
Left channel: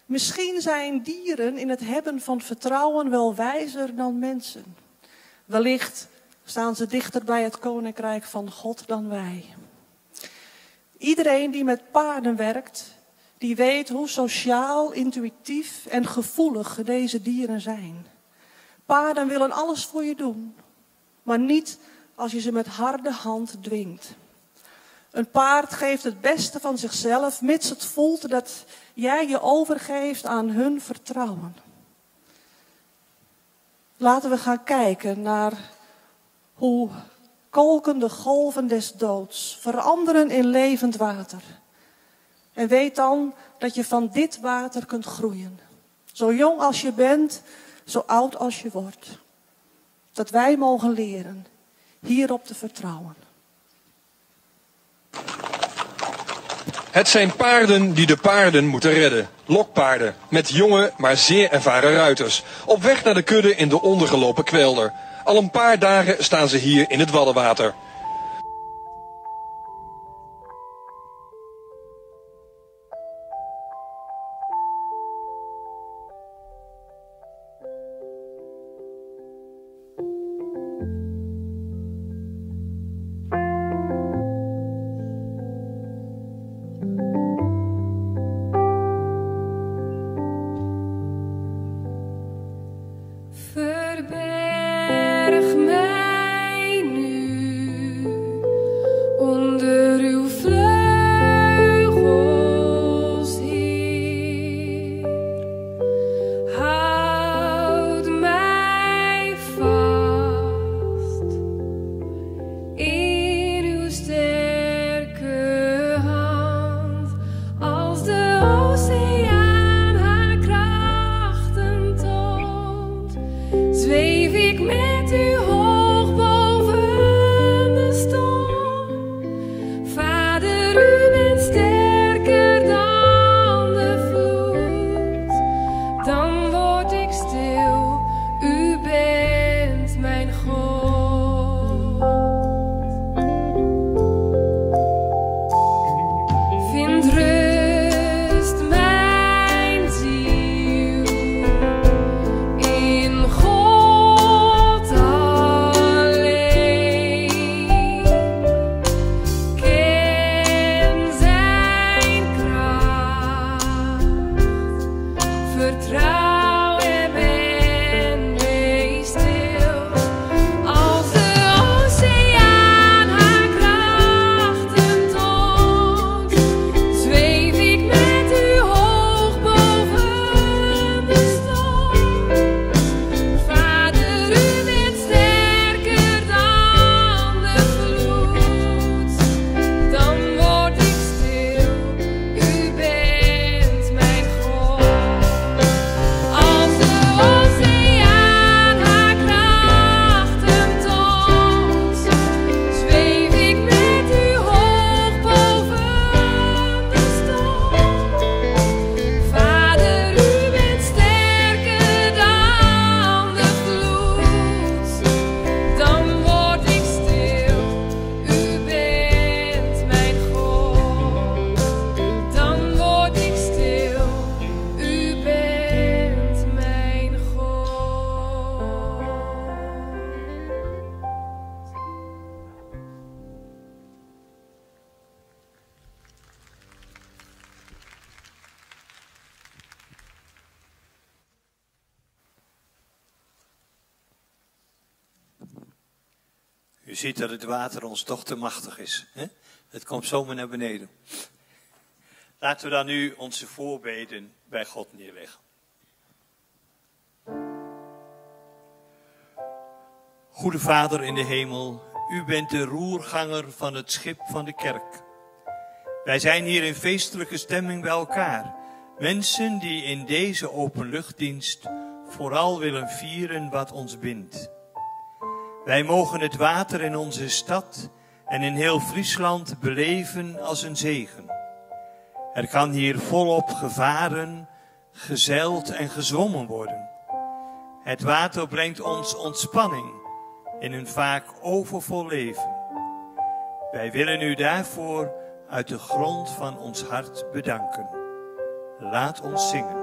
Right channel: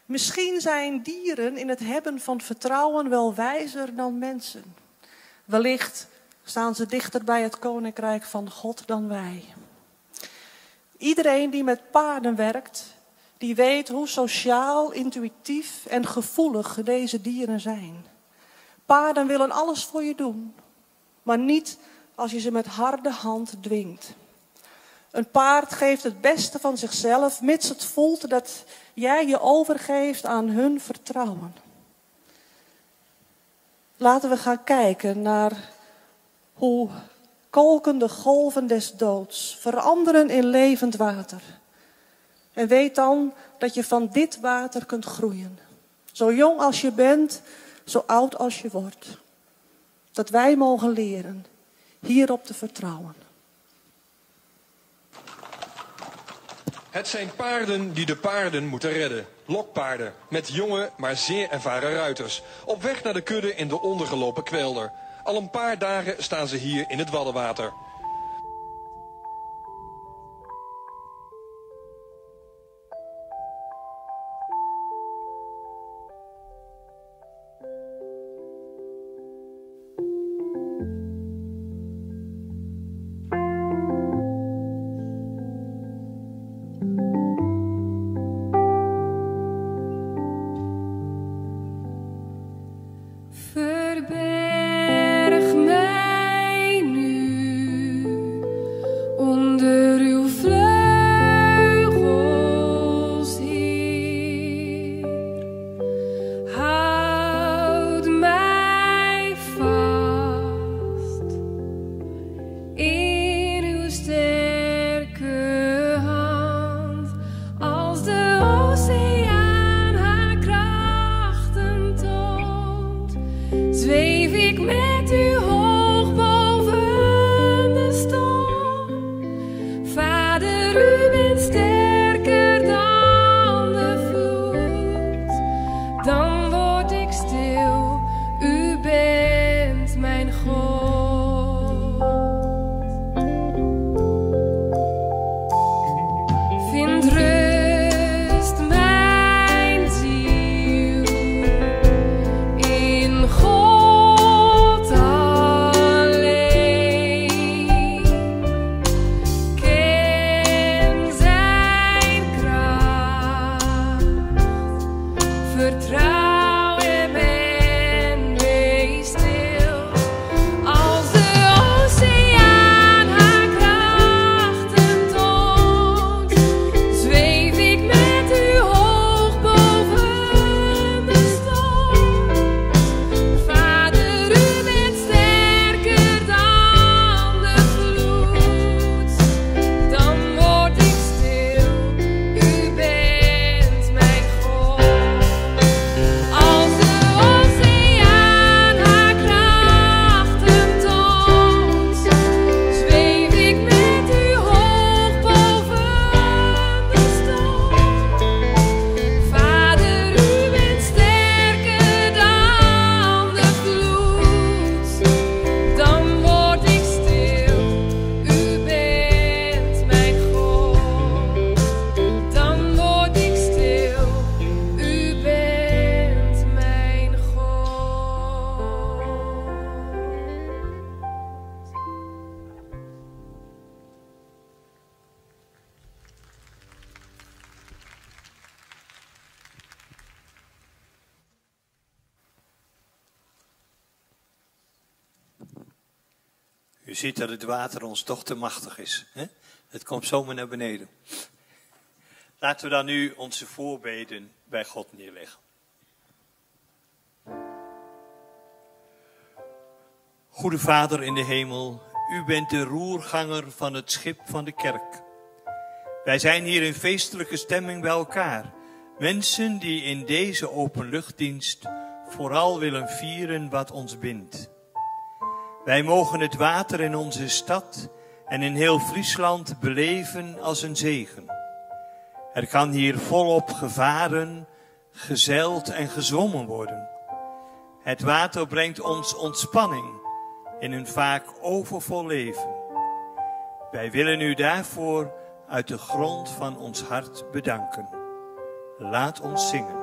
Misschien zijn dieren in het hebben van vertrouwen wel wijzer dan mensen. Wellicht staan ze dichter bij het koninkrijk van God dan wij. Iedereen die met paarden werkt, die weet hoe sociaal, intuïtief en gevoelig deze dieren zijn. Paarden willen alles voor je doen, maar niet als je ze met harde hand dwingt. Een paard geeft het beste van zichzelf, mits het voelt dat jij je overgeeft aan hun vertrouwen. Laten we gaan kijken naar hoe kolkende golven des doods veranderen in levend water. En weet dan dat je van dit water kunt groeien. Zo jong als je bent, zo oud als je wordt. Dat wij mogen leren hierop te vertrouwen. Het zijn paarden die de paarden moeten redden. Lokpaarden met jonge, maar zeer ervaren ruiters. Op weg naar de kudde in de ondergelopen kwelder. Al een paar dagen staan ze hier in het Waddenwater. Verberg mij nu onder uw vleugels, Heer. Houd mij vast in uw sterke hand, als de oceaan haar krachten toont. Zweef ik met u hoog boven de storm. Vader, u bent sterker dan de vloed. Dan word ik stil, u bent mijn God. Vind rust, mijn ziel, in God alleen. Ken zijn kracht, vertrouw hem en wees stil. Als de oceaan haar krachten toont, zweef ik met u hoog boven de storm. Vader, u bent sterker dan de vloed. Dan word ik stil, u bent mijn God. Als de oceaan haar krachten toont, zweef ik met u hoog boven de storm. Vader, u bent sterker dan de vloed. Dan word ik stil, u bent mijn God. Dan word ik stil, u bent mijn God. U ziet dat het water ons toch te machtig is. Hè? Het komt zomaar naar beneden. Laten we dan nu onze voorbeden bij God neerleggen. Goede Vader in de hemel, u bent de roerganger van het schip van de kerk. Wij zijn hier in feestelijke stemming bij elkaar. Mensen die in deze openluchtdienst vooral willen vieren wat ons bindt. Wij mogen het water in onze stad en in heel Friesland beleven als een zegen. Er kan hier volop gevaren, gezeild en gezwommen worden. Het water brengt ons ontspanning in een vaak overvol leven. Wij willen u daarvoor uit de grond van ons hart bedanken. Laat ons zingen.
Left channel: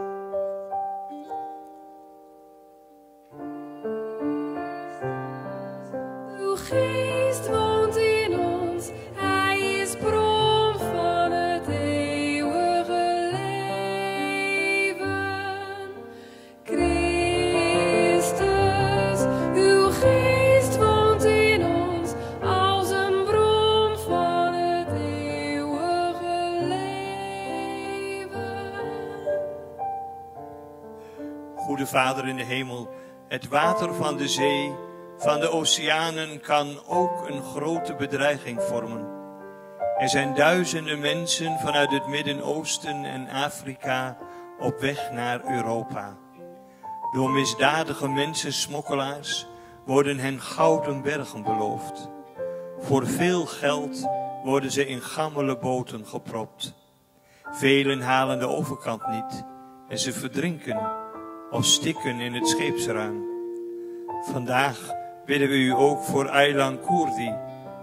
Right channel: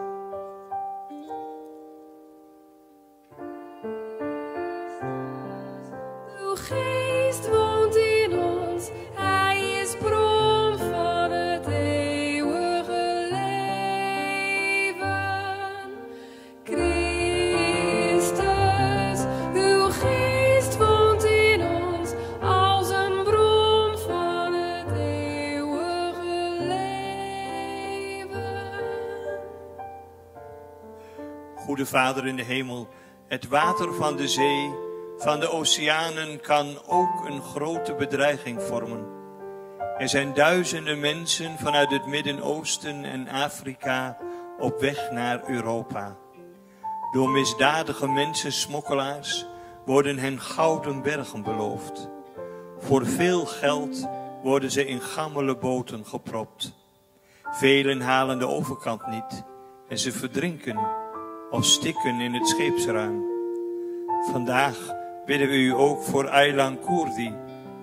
Uw geest woont in ons, hij is bron van het eeuwige leven. Christus, uw geest woont in ons, als een bron van het eeuwige leven. Goede Vader in de hemel, het water van de zee, van de oceanen kan ook een grote bedreiging vormen. Er zijn duizenden mensen vanuit het Midden-Oosten en Afrika op weg naar Europa. Door misdadige mensensmokkelaars worden hen gouden bergen beloofd. Voor veel geld worden ze in gammele boten gepropt. Velen halen de overkant niet en ze verdrinken of stikken in het scheepsruim. Vandaag bidden we u ook voor Aylan Kurdi,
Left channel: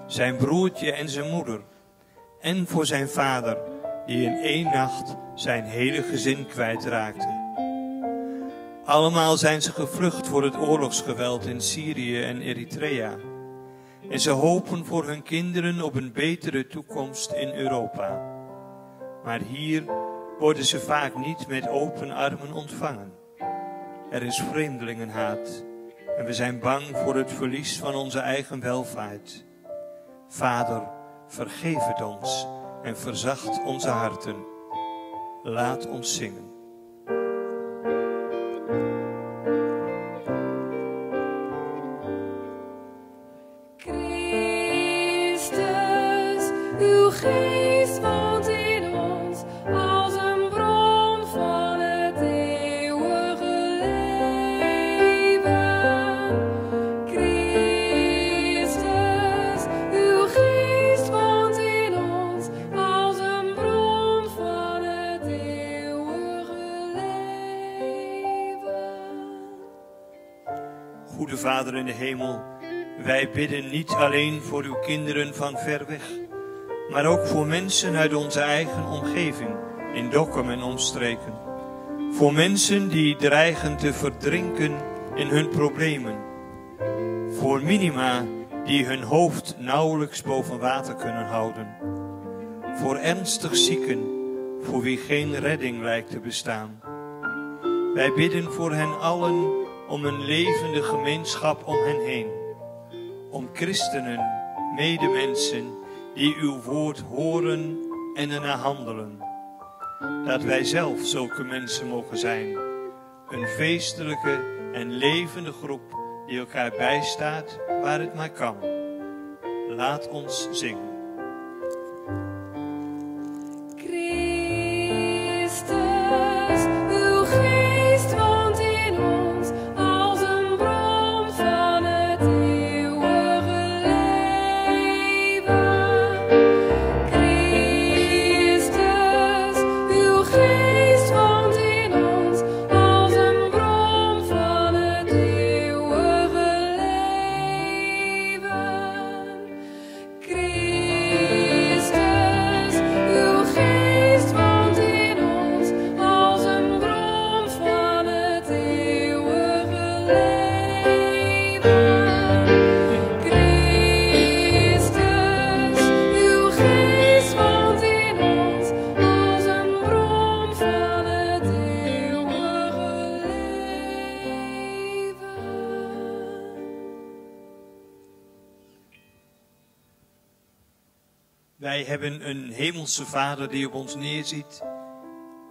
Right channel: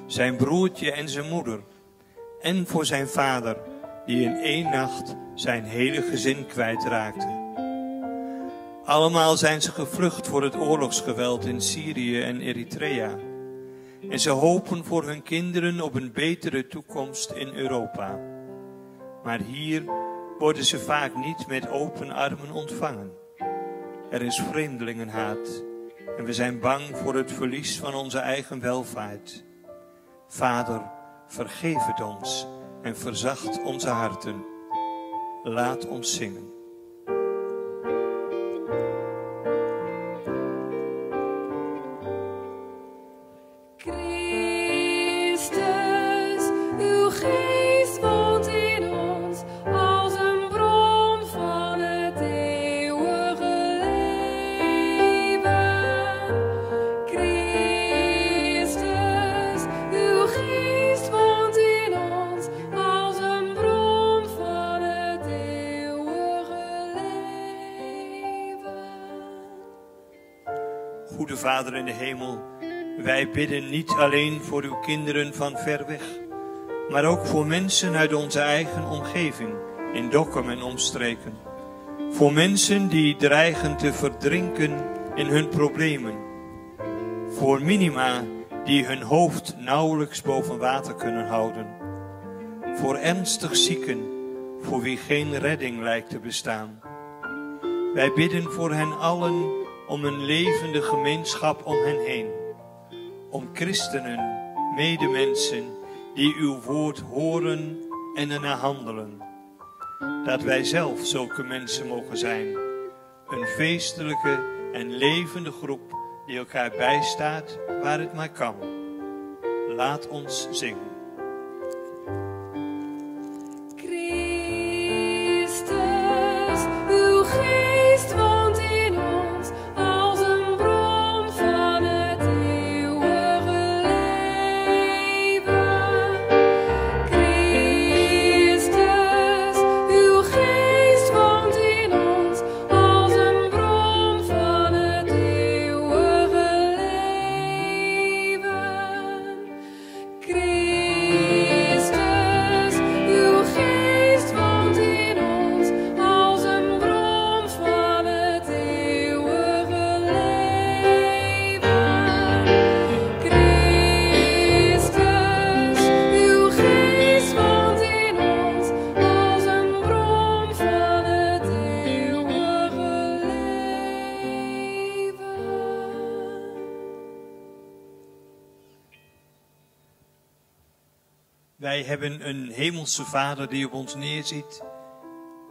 zijn broertje en zijn moeder. En voor zijn vader, die in 1 nacht zijn hele gezin kwijtraakte. Allemaal zijn ze gevlucht voor het oorlogsgeweld in Syrië en Eritrea. En ze hopen voor hun kinderen op een betere toekomst in Europa. Maar hier worden ze vaak niet met open armen ontvangen. Er is vreemdelingenhaat en we zijn bang voor het verlies van onze eigen welvaart. Vader, vergeef het ons en verzacht onze harten. Laat ons zingen. Christus, uw geest woont in ons als een bron van het eeuwige leven. Christus, uw geest woont in ons als een bron van het eeuwige leven. Goede Vader in de hemel, wij bidden niet alleen voor uw kinderen van ver weg, maar ook voor mensen uit onze eigen omgeving, in Dokkum en omstreken. Voor mensen die dreigen te verdrinken in hun problemen. Voor minima die hun hoofd nauwelijks boven water kunnen houden. Voor ernstig zieken, voor wie geen redding lijkt te bestaan. Wij bidden voor hen allen om een levende gemeenschap om hen heen. Om christenen, medemensen, die uw woord horen en ernaar handelen. Dat wij zelf zulke mensen mogen zijn. Een feestelijke en levende groep die elkaar bijstaat waar het maar kan. Laat ons zingen. Christus, uw geest woont in ons als een bron van het eeuwige leven. Christus, uw geest woont in ons als een bron van het eeuwige leven. Christus, uw geest woont in ons als een bron van het eeuwige leven. Christus, uw geest woont in ons als een bron van het eeuwige Wij hebben een hemelse Vader die op ons neerziet,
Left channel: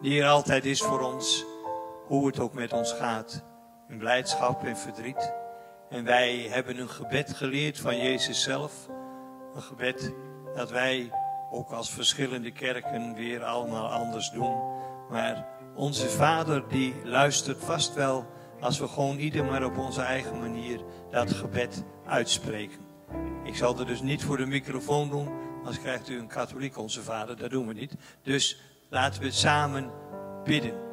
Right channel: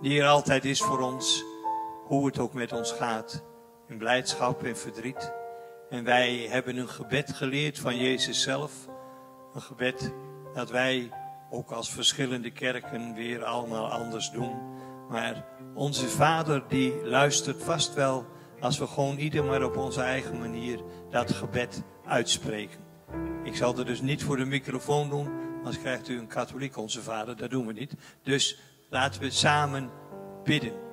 die er altijd is voor ons, hoe het ook met ons gaat, in blijdschap en verdriet. En wij hebben een gebed geleerd van Jezus zelf, een gebed dat wij ook als verschillende kerken weer allemaal anders doen. Maar onze Vader die luistert vast wel als we gewoon ieder maar op onze eigen manier dat gebed uitspreken. Ik zal het dus niet voor de microfoon doen, anders krijgt u een katholiek onze Vader, dat doen we niet. Dus laten we samen bidden.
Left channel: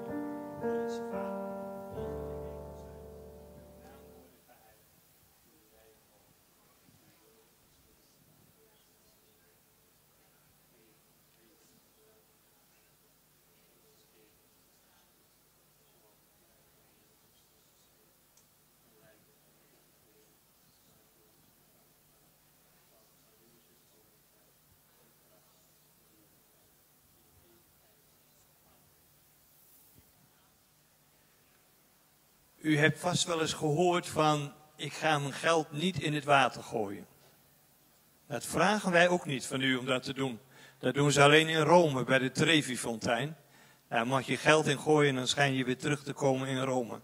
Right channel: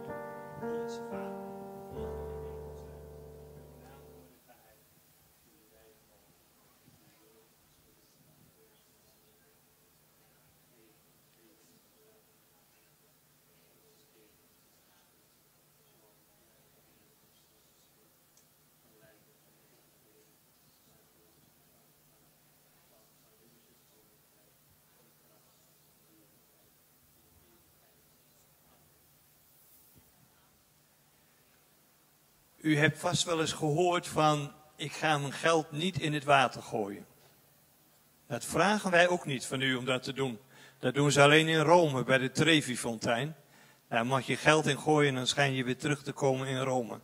U hebt vast wel eens gehoord van, ik ga mijn geld niet in het water gooien. Dat vragen wij ook niet van u om dat te doen. Dat doen ze alleen in Rome, bij de Trevi-fontein. Daar mag je geld in gooien en dan schijn je weer terug te komen in Rome.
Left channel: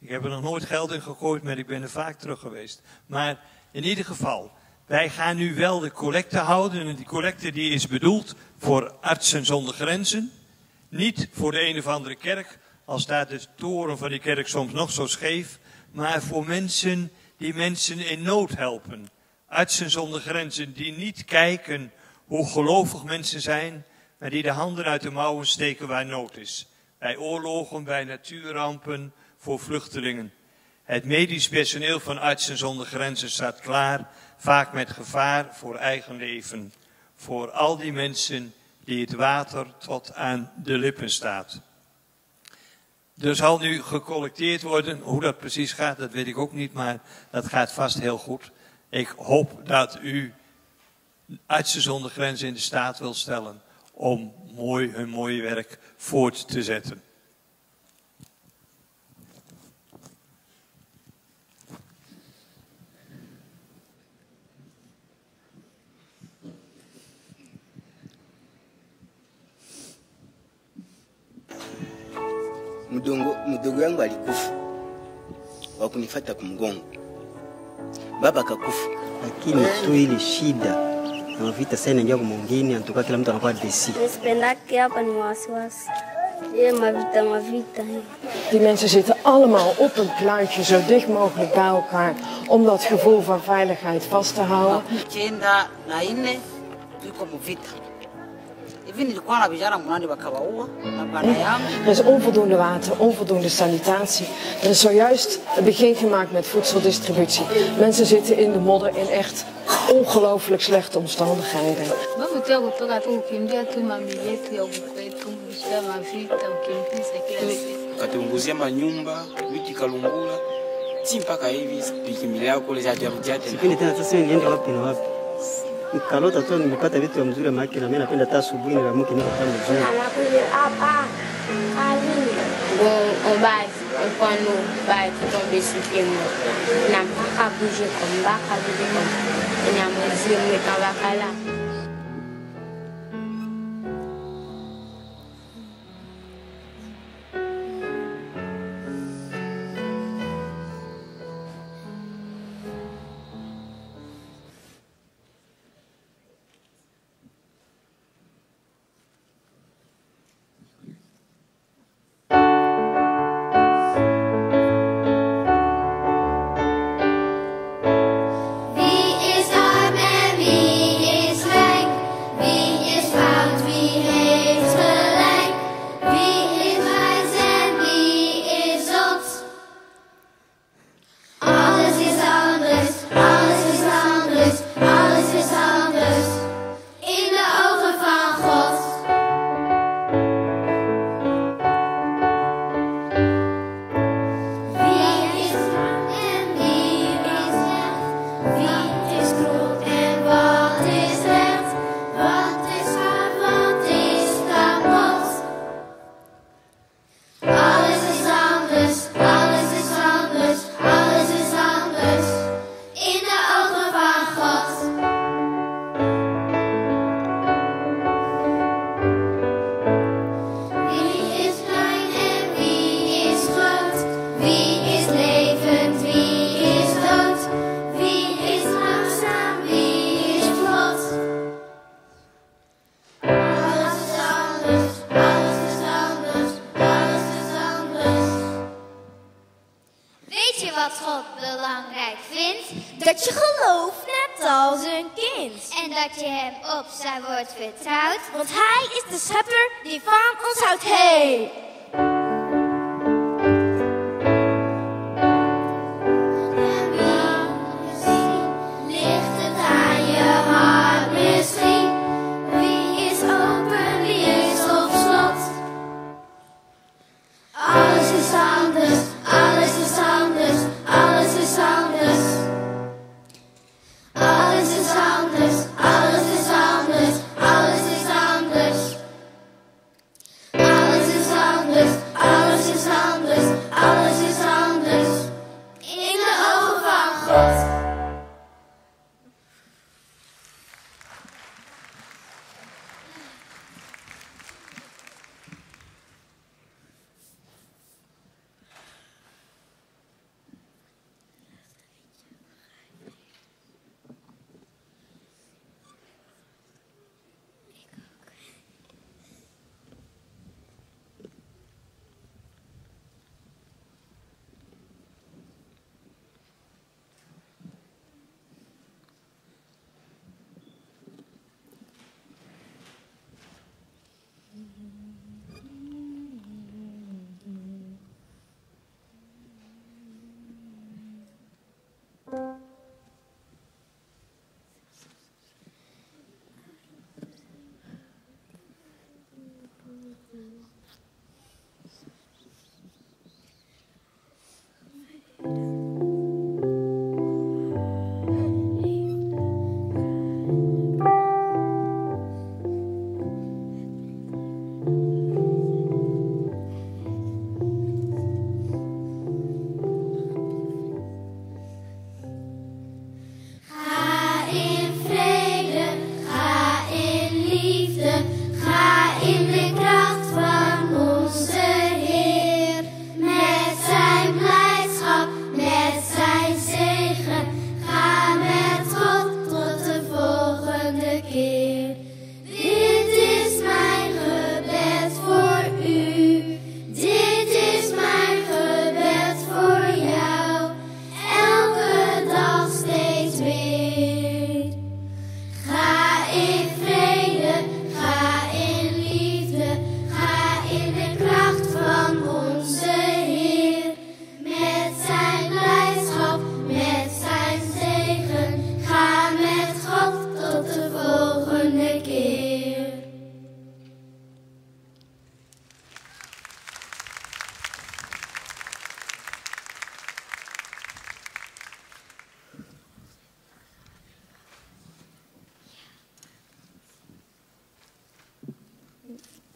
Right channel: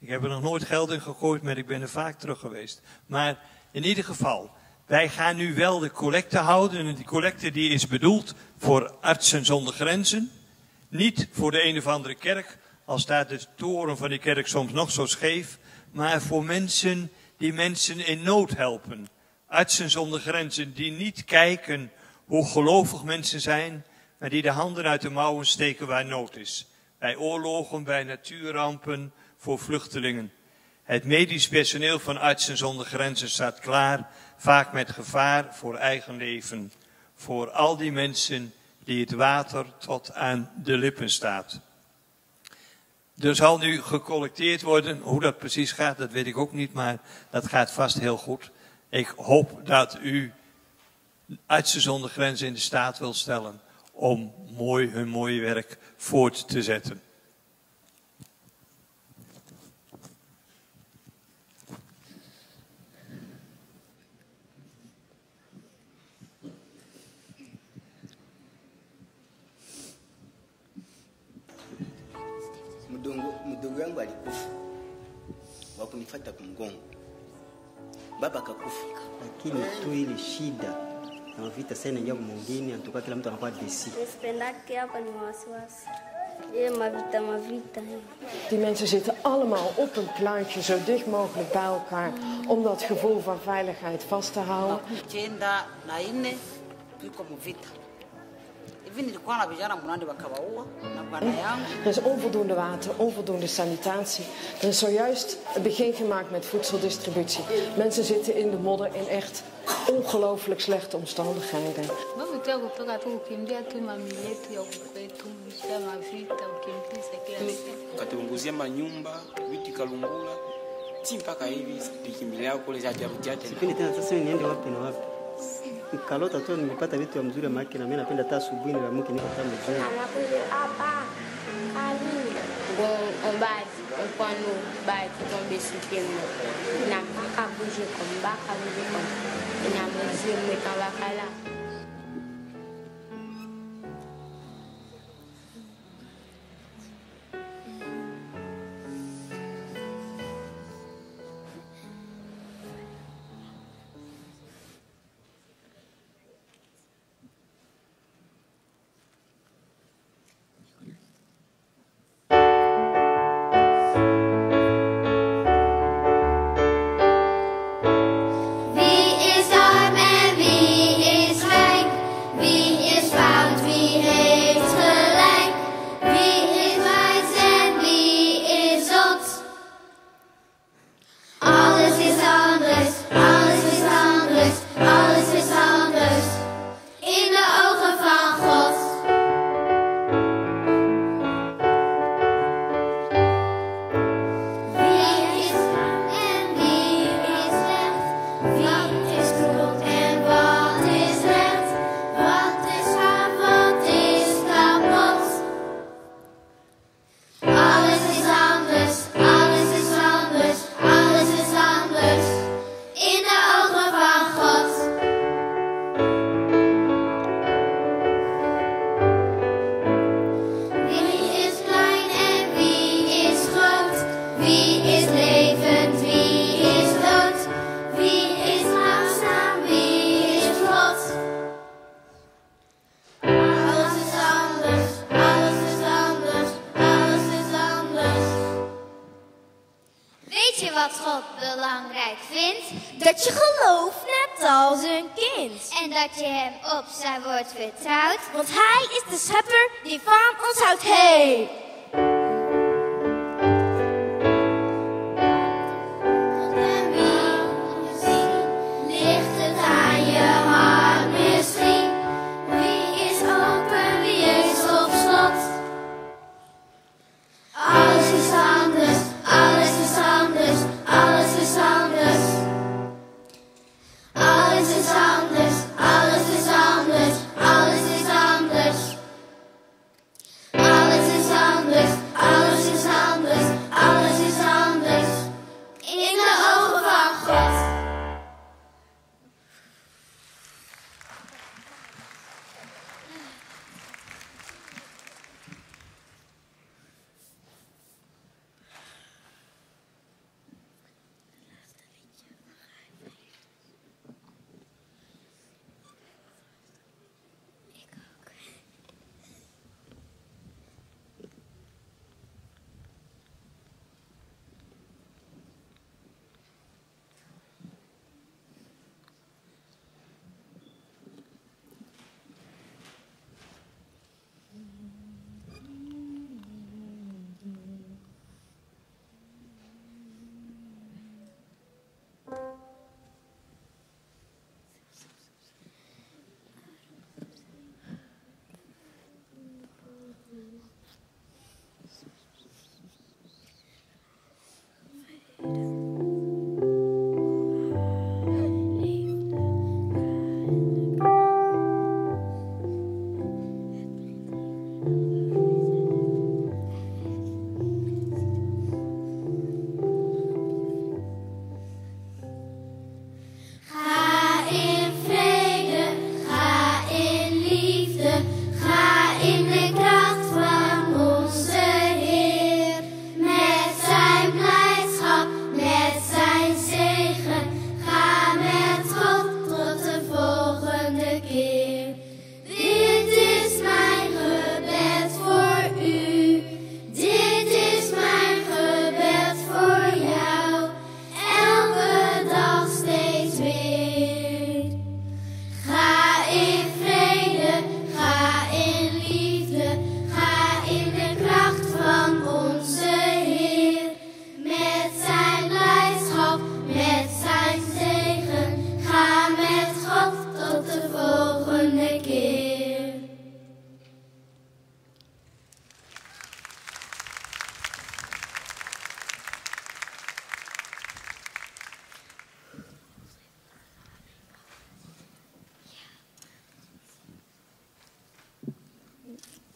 Ik heb er nog nooit geld in gegooid, maar ik ben er vaak terug geweest. Maar in ieder geval, wij gaan nu wel de collecte houden. En die collecte die is bedoeld voor Artsen zonder Grenzen. Niet voor de een of andere kerk, al staat de toren van die kerk soms nog zo scheef. Maar voor mensen die mensen in nood helpen. Artsen zonder Grenzen die niet kijken hoe gelovig mensen zijn, maar die de handen uit de mouwen steken waar nood is. Bij oorlogen, bij natuurrampen, voor vluchtelingen. Het medisch personeel van Artsen zonder Grenzen staat klaar, vaak met gevaar voor eigen leven. Voor al die mensen die het water tot aan de lippen staat. Er zal nu gecollecteerd worden, hoe dat precies gaat, dat weet ik ook niet, maar dat gaat vast heel goed. Ik hoop dat u Artsen zonder Grenzen in de staat wil stellen om hun mooie werk voort te zetten. Mdogo yangu alikufa, wakunifuata kumgongo. Baba akakufa, lakini tu ile shida na vita sana ndio mwingine anatoka kila mtu anakuwa desi. Spendake hapa ni wasiwasi. Ja, mavita. Die mensen zitten allemaal op een kluitje zo dicht mogelijk bij elkaar om dat gevoel van veiligheid vast te houden. Er is onvoldoende water, onvoldoende sanitatie. Er is zojuist een begin gemaakt met voedseldistributie. Mensen zitten in de modder in echt ongelooflijk slechte omstandigheden. Katunguzia manyumba, wiki kalungula, mpaka hivi pikimilea yako kule jadi. Sipendi tena sasa niende wapi na wapi. Kalota tu nimepata vitu mzuri maki na mimi napenda hata asubuhi na mke niko pale mzuri. On va quando vai tomber sistema na mpaka bouger comme ça na mzuri mekawakala. Dat je gelooft net als een kind. En dat je hem op zijn woord vertrouwt. Want hij is de schepper die van ons houdt. Hey! Alles is anders.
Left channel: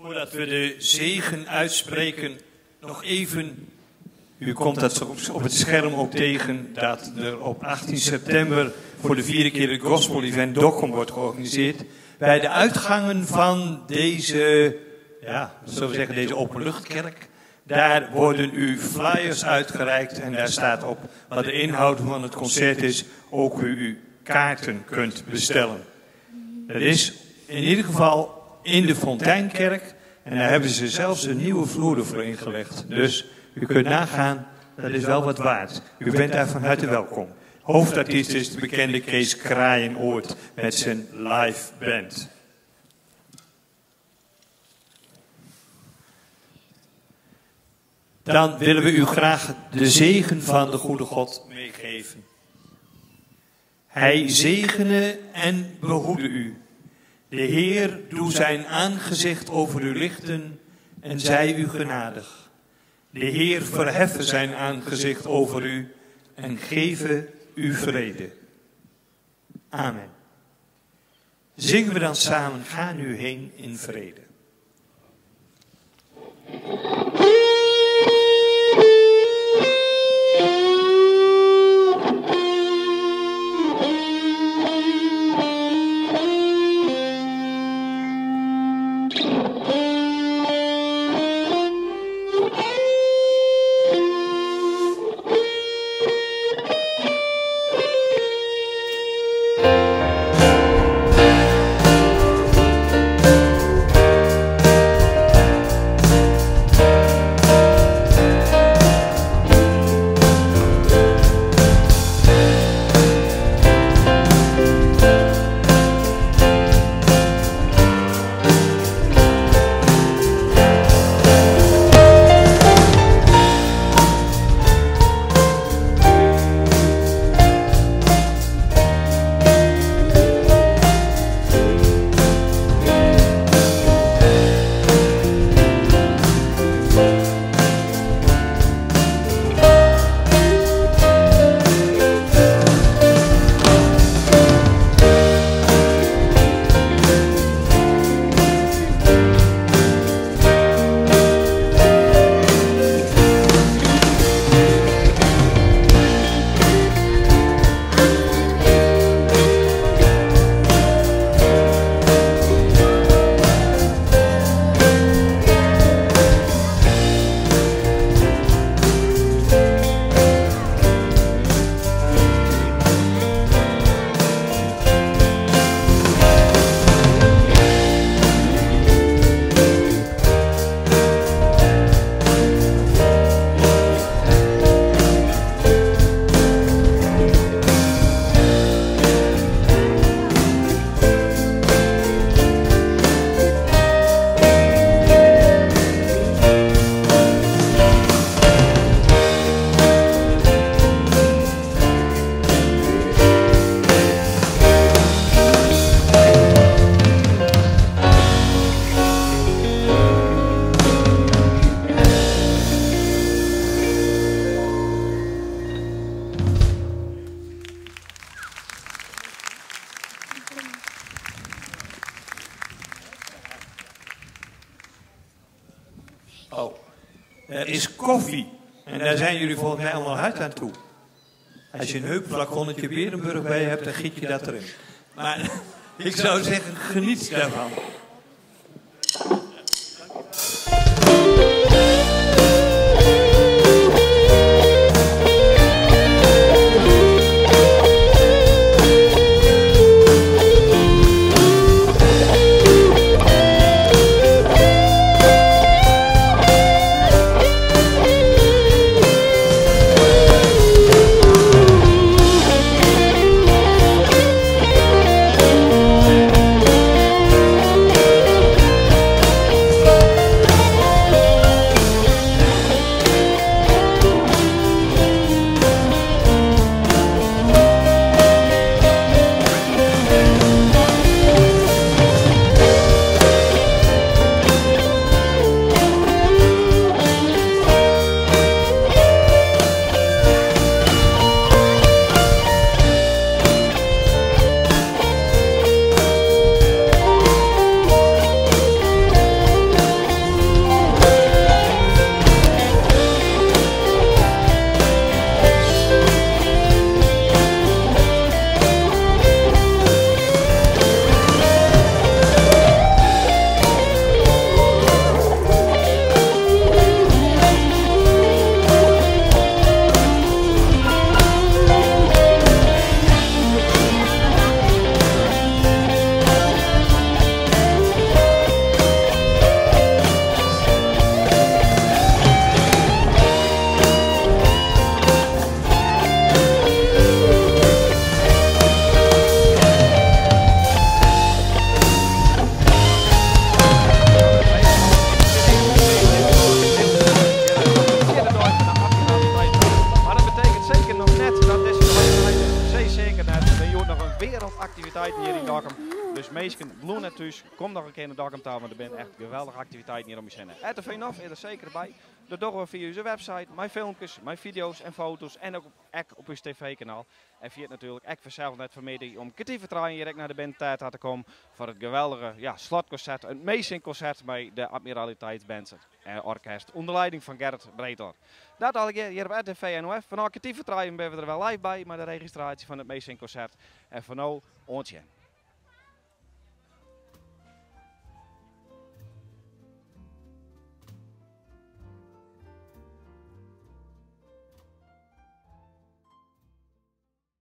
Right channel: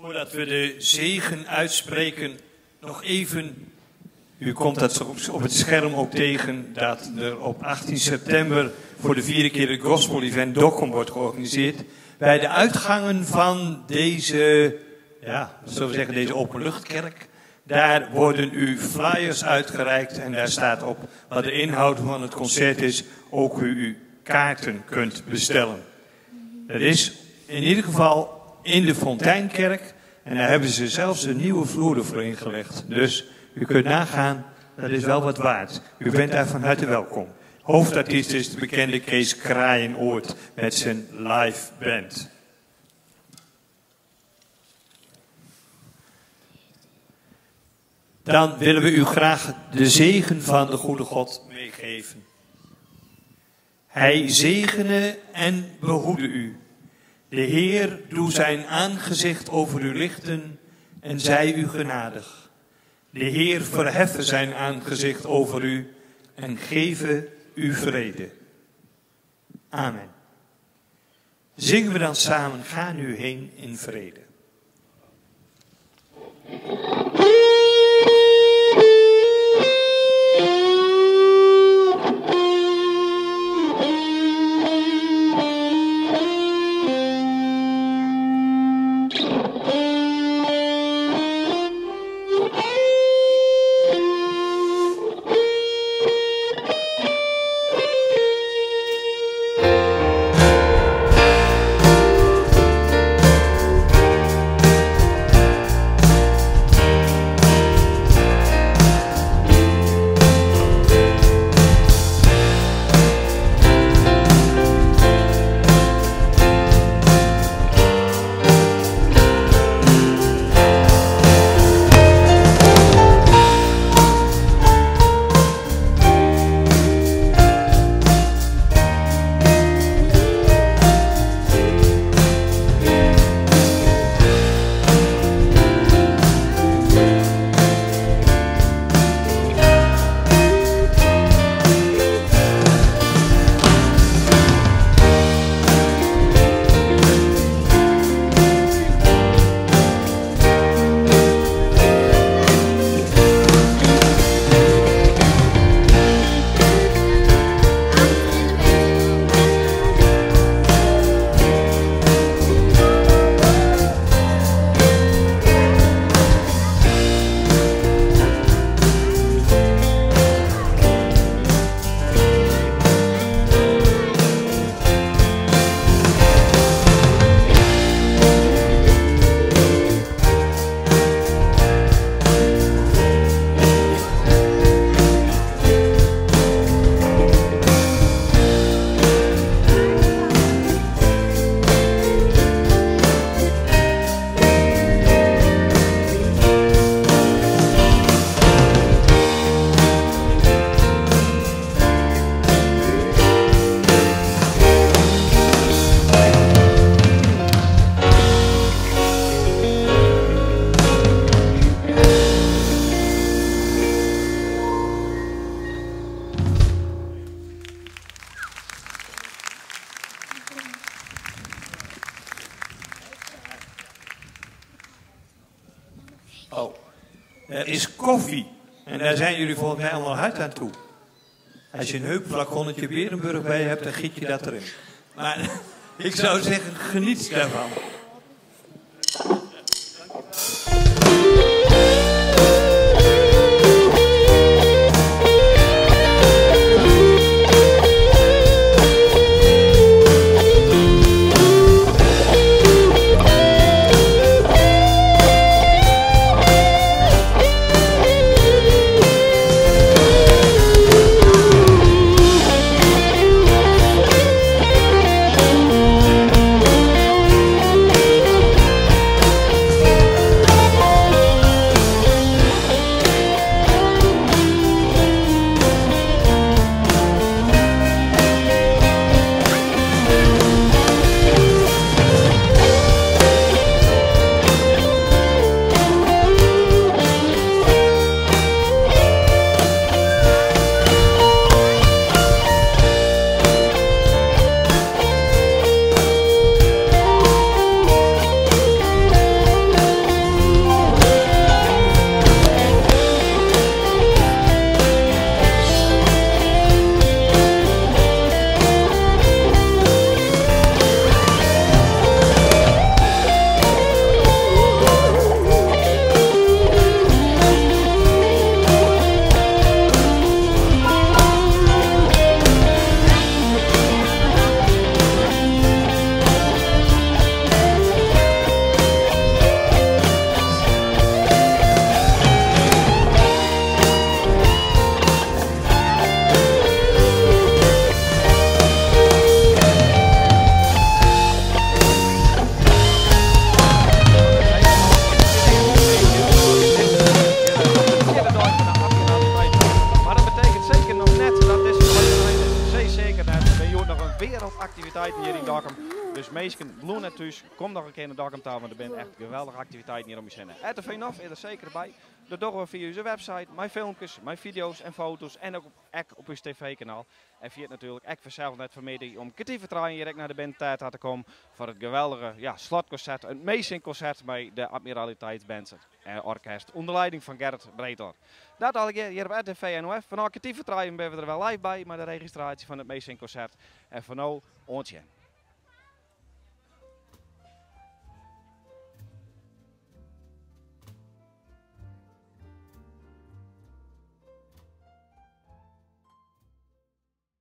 Voordat we de zegen uitspreken, nog even, u komt dat op het scherm ook tegen, dat er op 18 september voor de 4e keer het Gospel Event Dokkum wordt georganiseerd. Bij de uitgangen van deze, ja, zullen we zeggen, deze openluchtkerk, daar worden u flyers uitgereikt en daar staat op wat de inhoud van het concert is, ook u kaarten kunt bestellen. Dat is in ieder geval in de Fonteinkerk en daar hebben ze zelfs de nieuwe vloeren voor ingelegd. Dus u kunt nagaan, dat is wel wat waard. U bent daar van harte welkom. Hoofdartiest is de bekende Kees Kraaienoord met zijn live band. Dan willen we u graag de zegen van de goede God meegeven. Hij zegene en behoede u. De Heer doe zijn aangezicht over u lichten en zij u genadig. De Heer verheffe zijn aangezicht over u en geven u vrede. Amen. Zingen we dan samen, ga nu heen in vrede. Er is koffie. En daar zijn jullie volgens mij allemaal hard aan toe. Als je een heupflaconnetje Berenburg bij hebt, dan giet je dat erin. Maar ik zou zeggen, geniet daarvan. het net. Er zijn nog een wereldactiviteiten hier in Dokkum. Dus mensen, bloem net thuis, kom nog een keer naar Dokkum toe, want er zijn echt geweldige activiteiten hier om je zinnen. RTV Nof is er zeker bij. Dat doen we via onze website, mijn filmpjes, mijn video's en foto's en ook op ons tv-kanaal. En via het natuurlijk ook vanzelf net vanmiddag om kwartier vertrouwen hier naar de bandtijd te komen voor het geweldige slotconcert, een meezingconcert bij de Admiraliteitsband en orkest onder leiding van Gerrit Breedor. Dat al hier op RTV NOF. Vanaf kwartier vertrouwen ben we er wel live bij, maar de registratie van het meezingconcert. En van nu, ontje.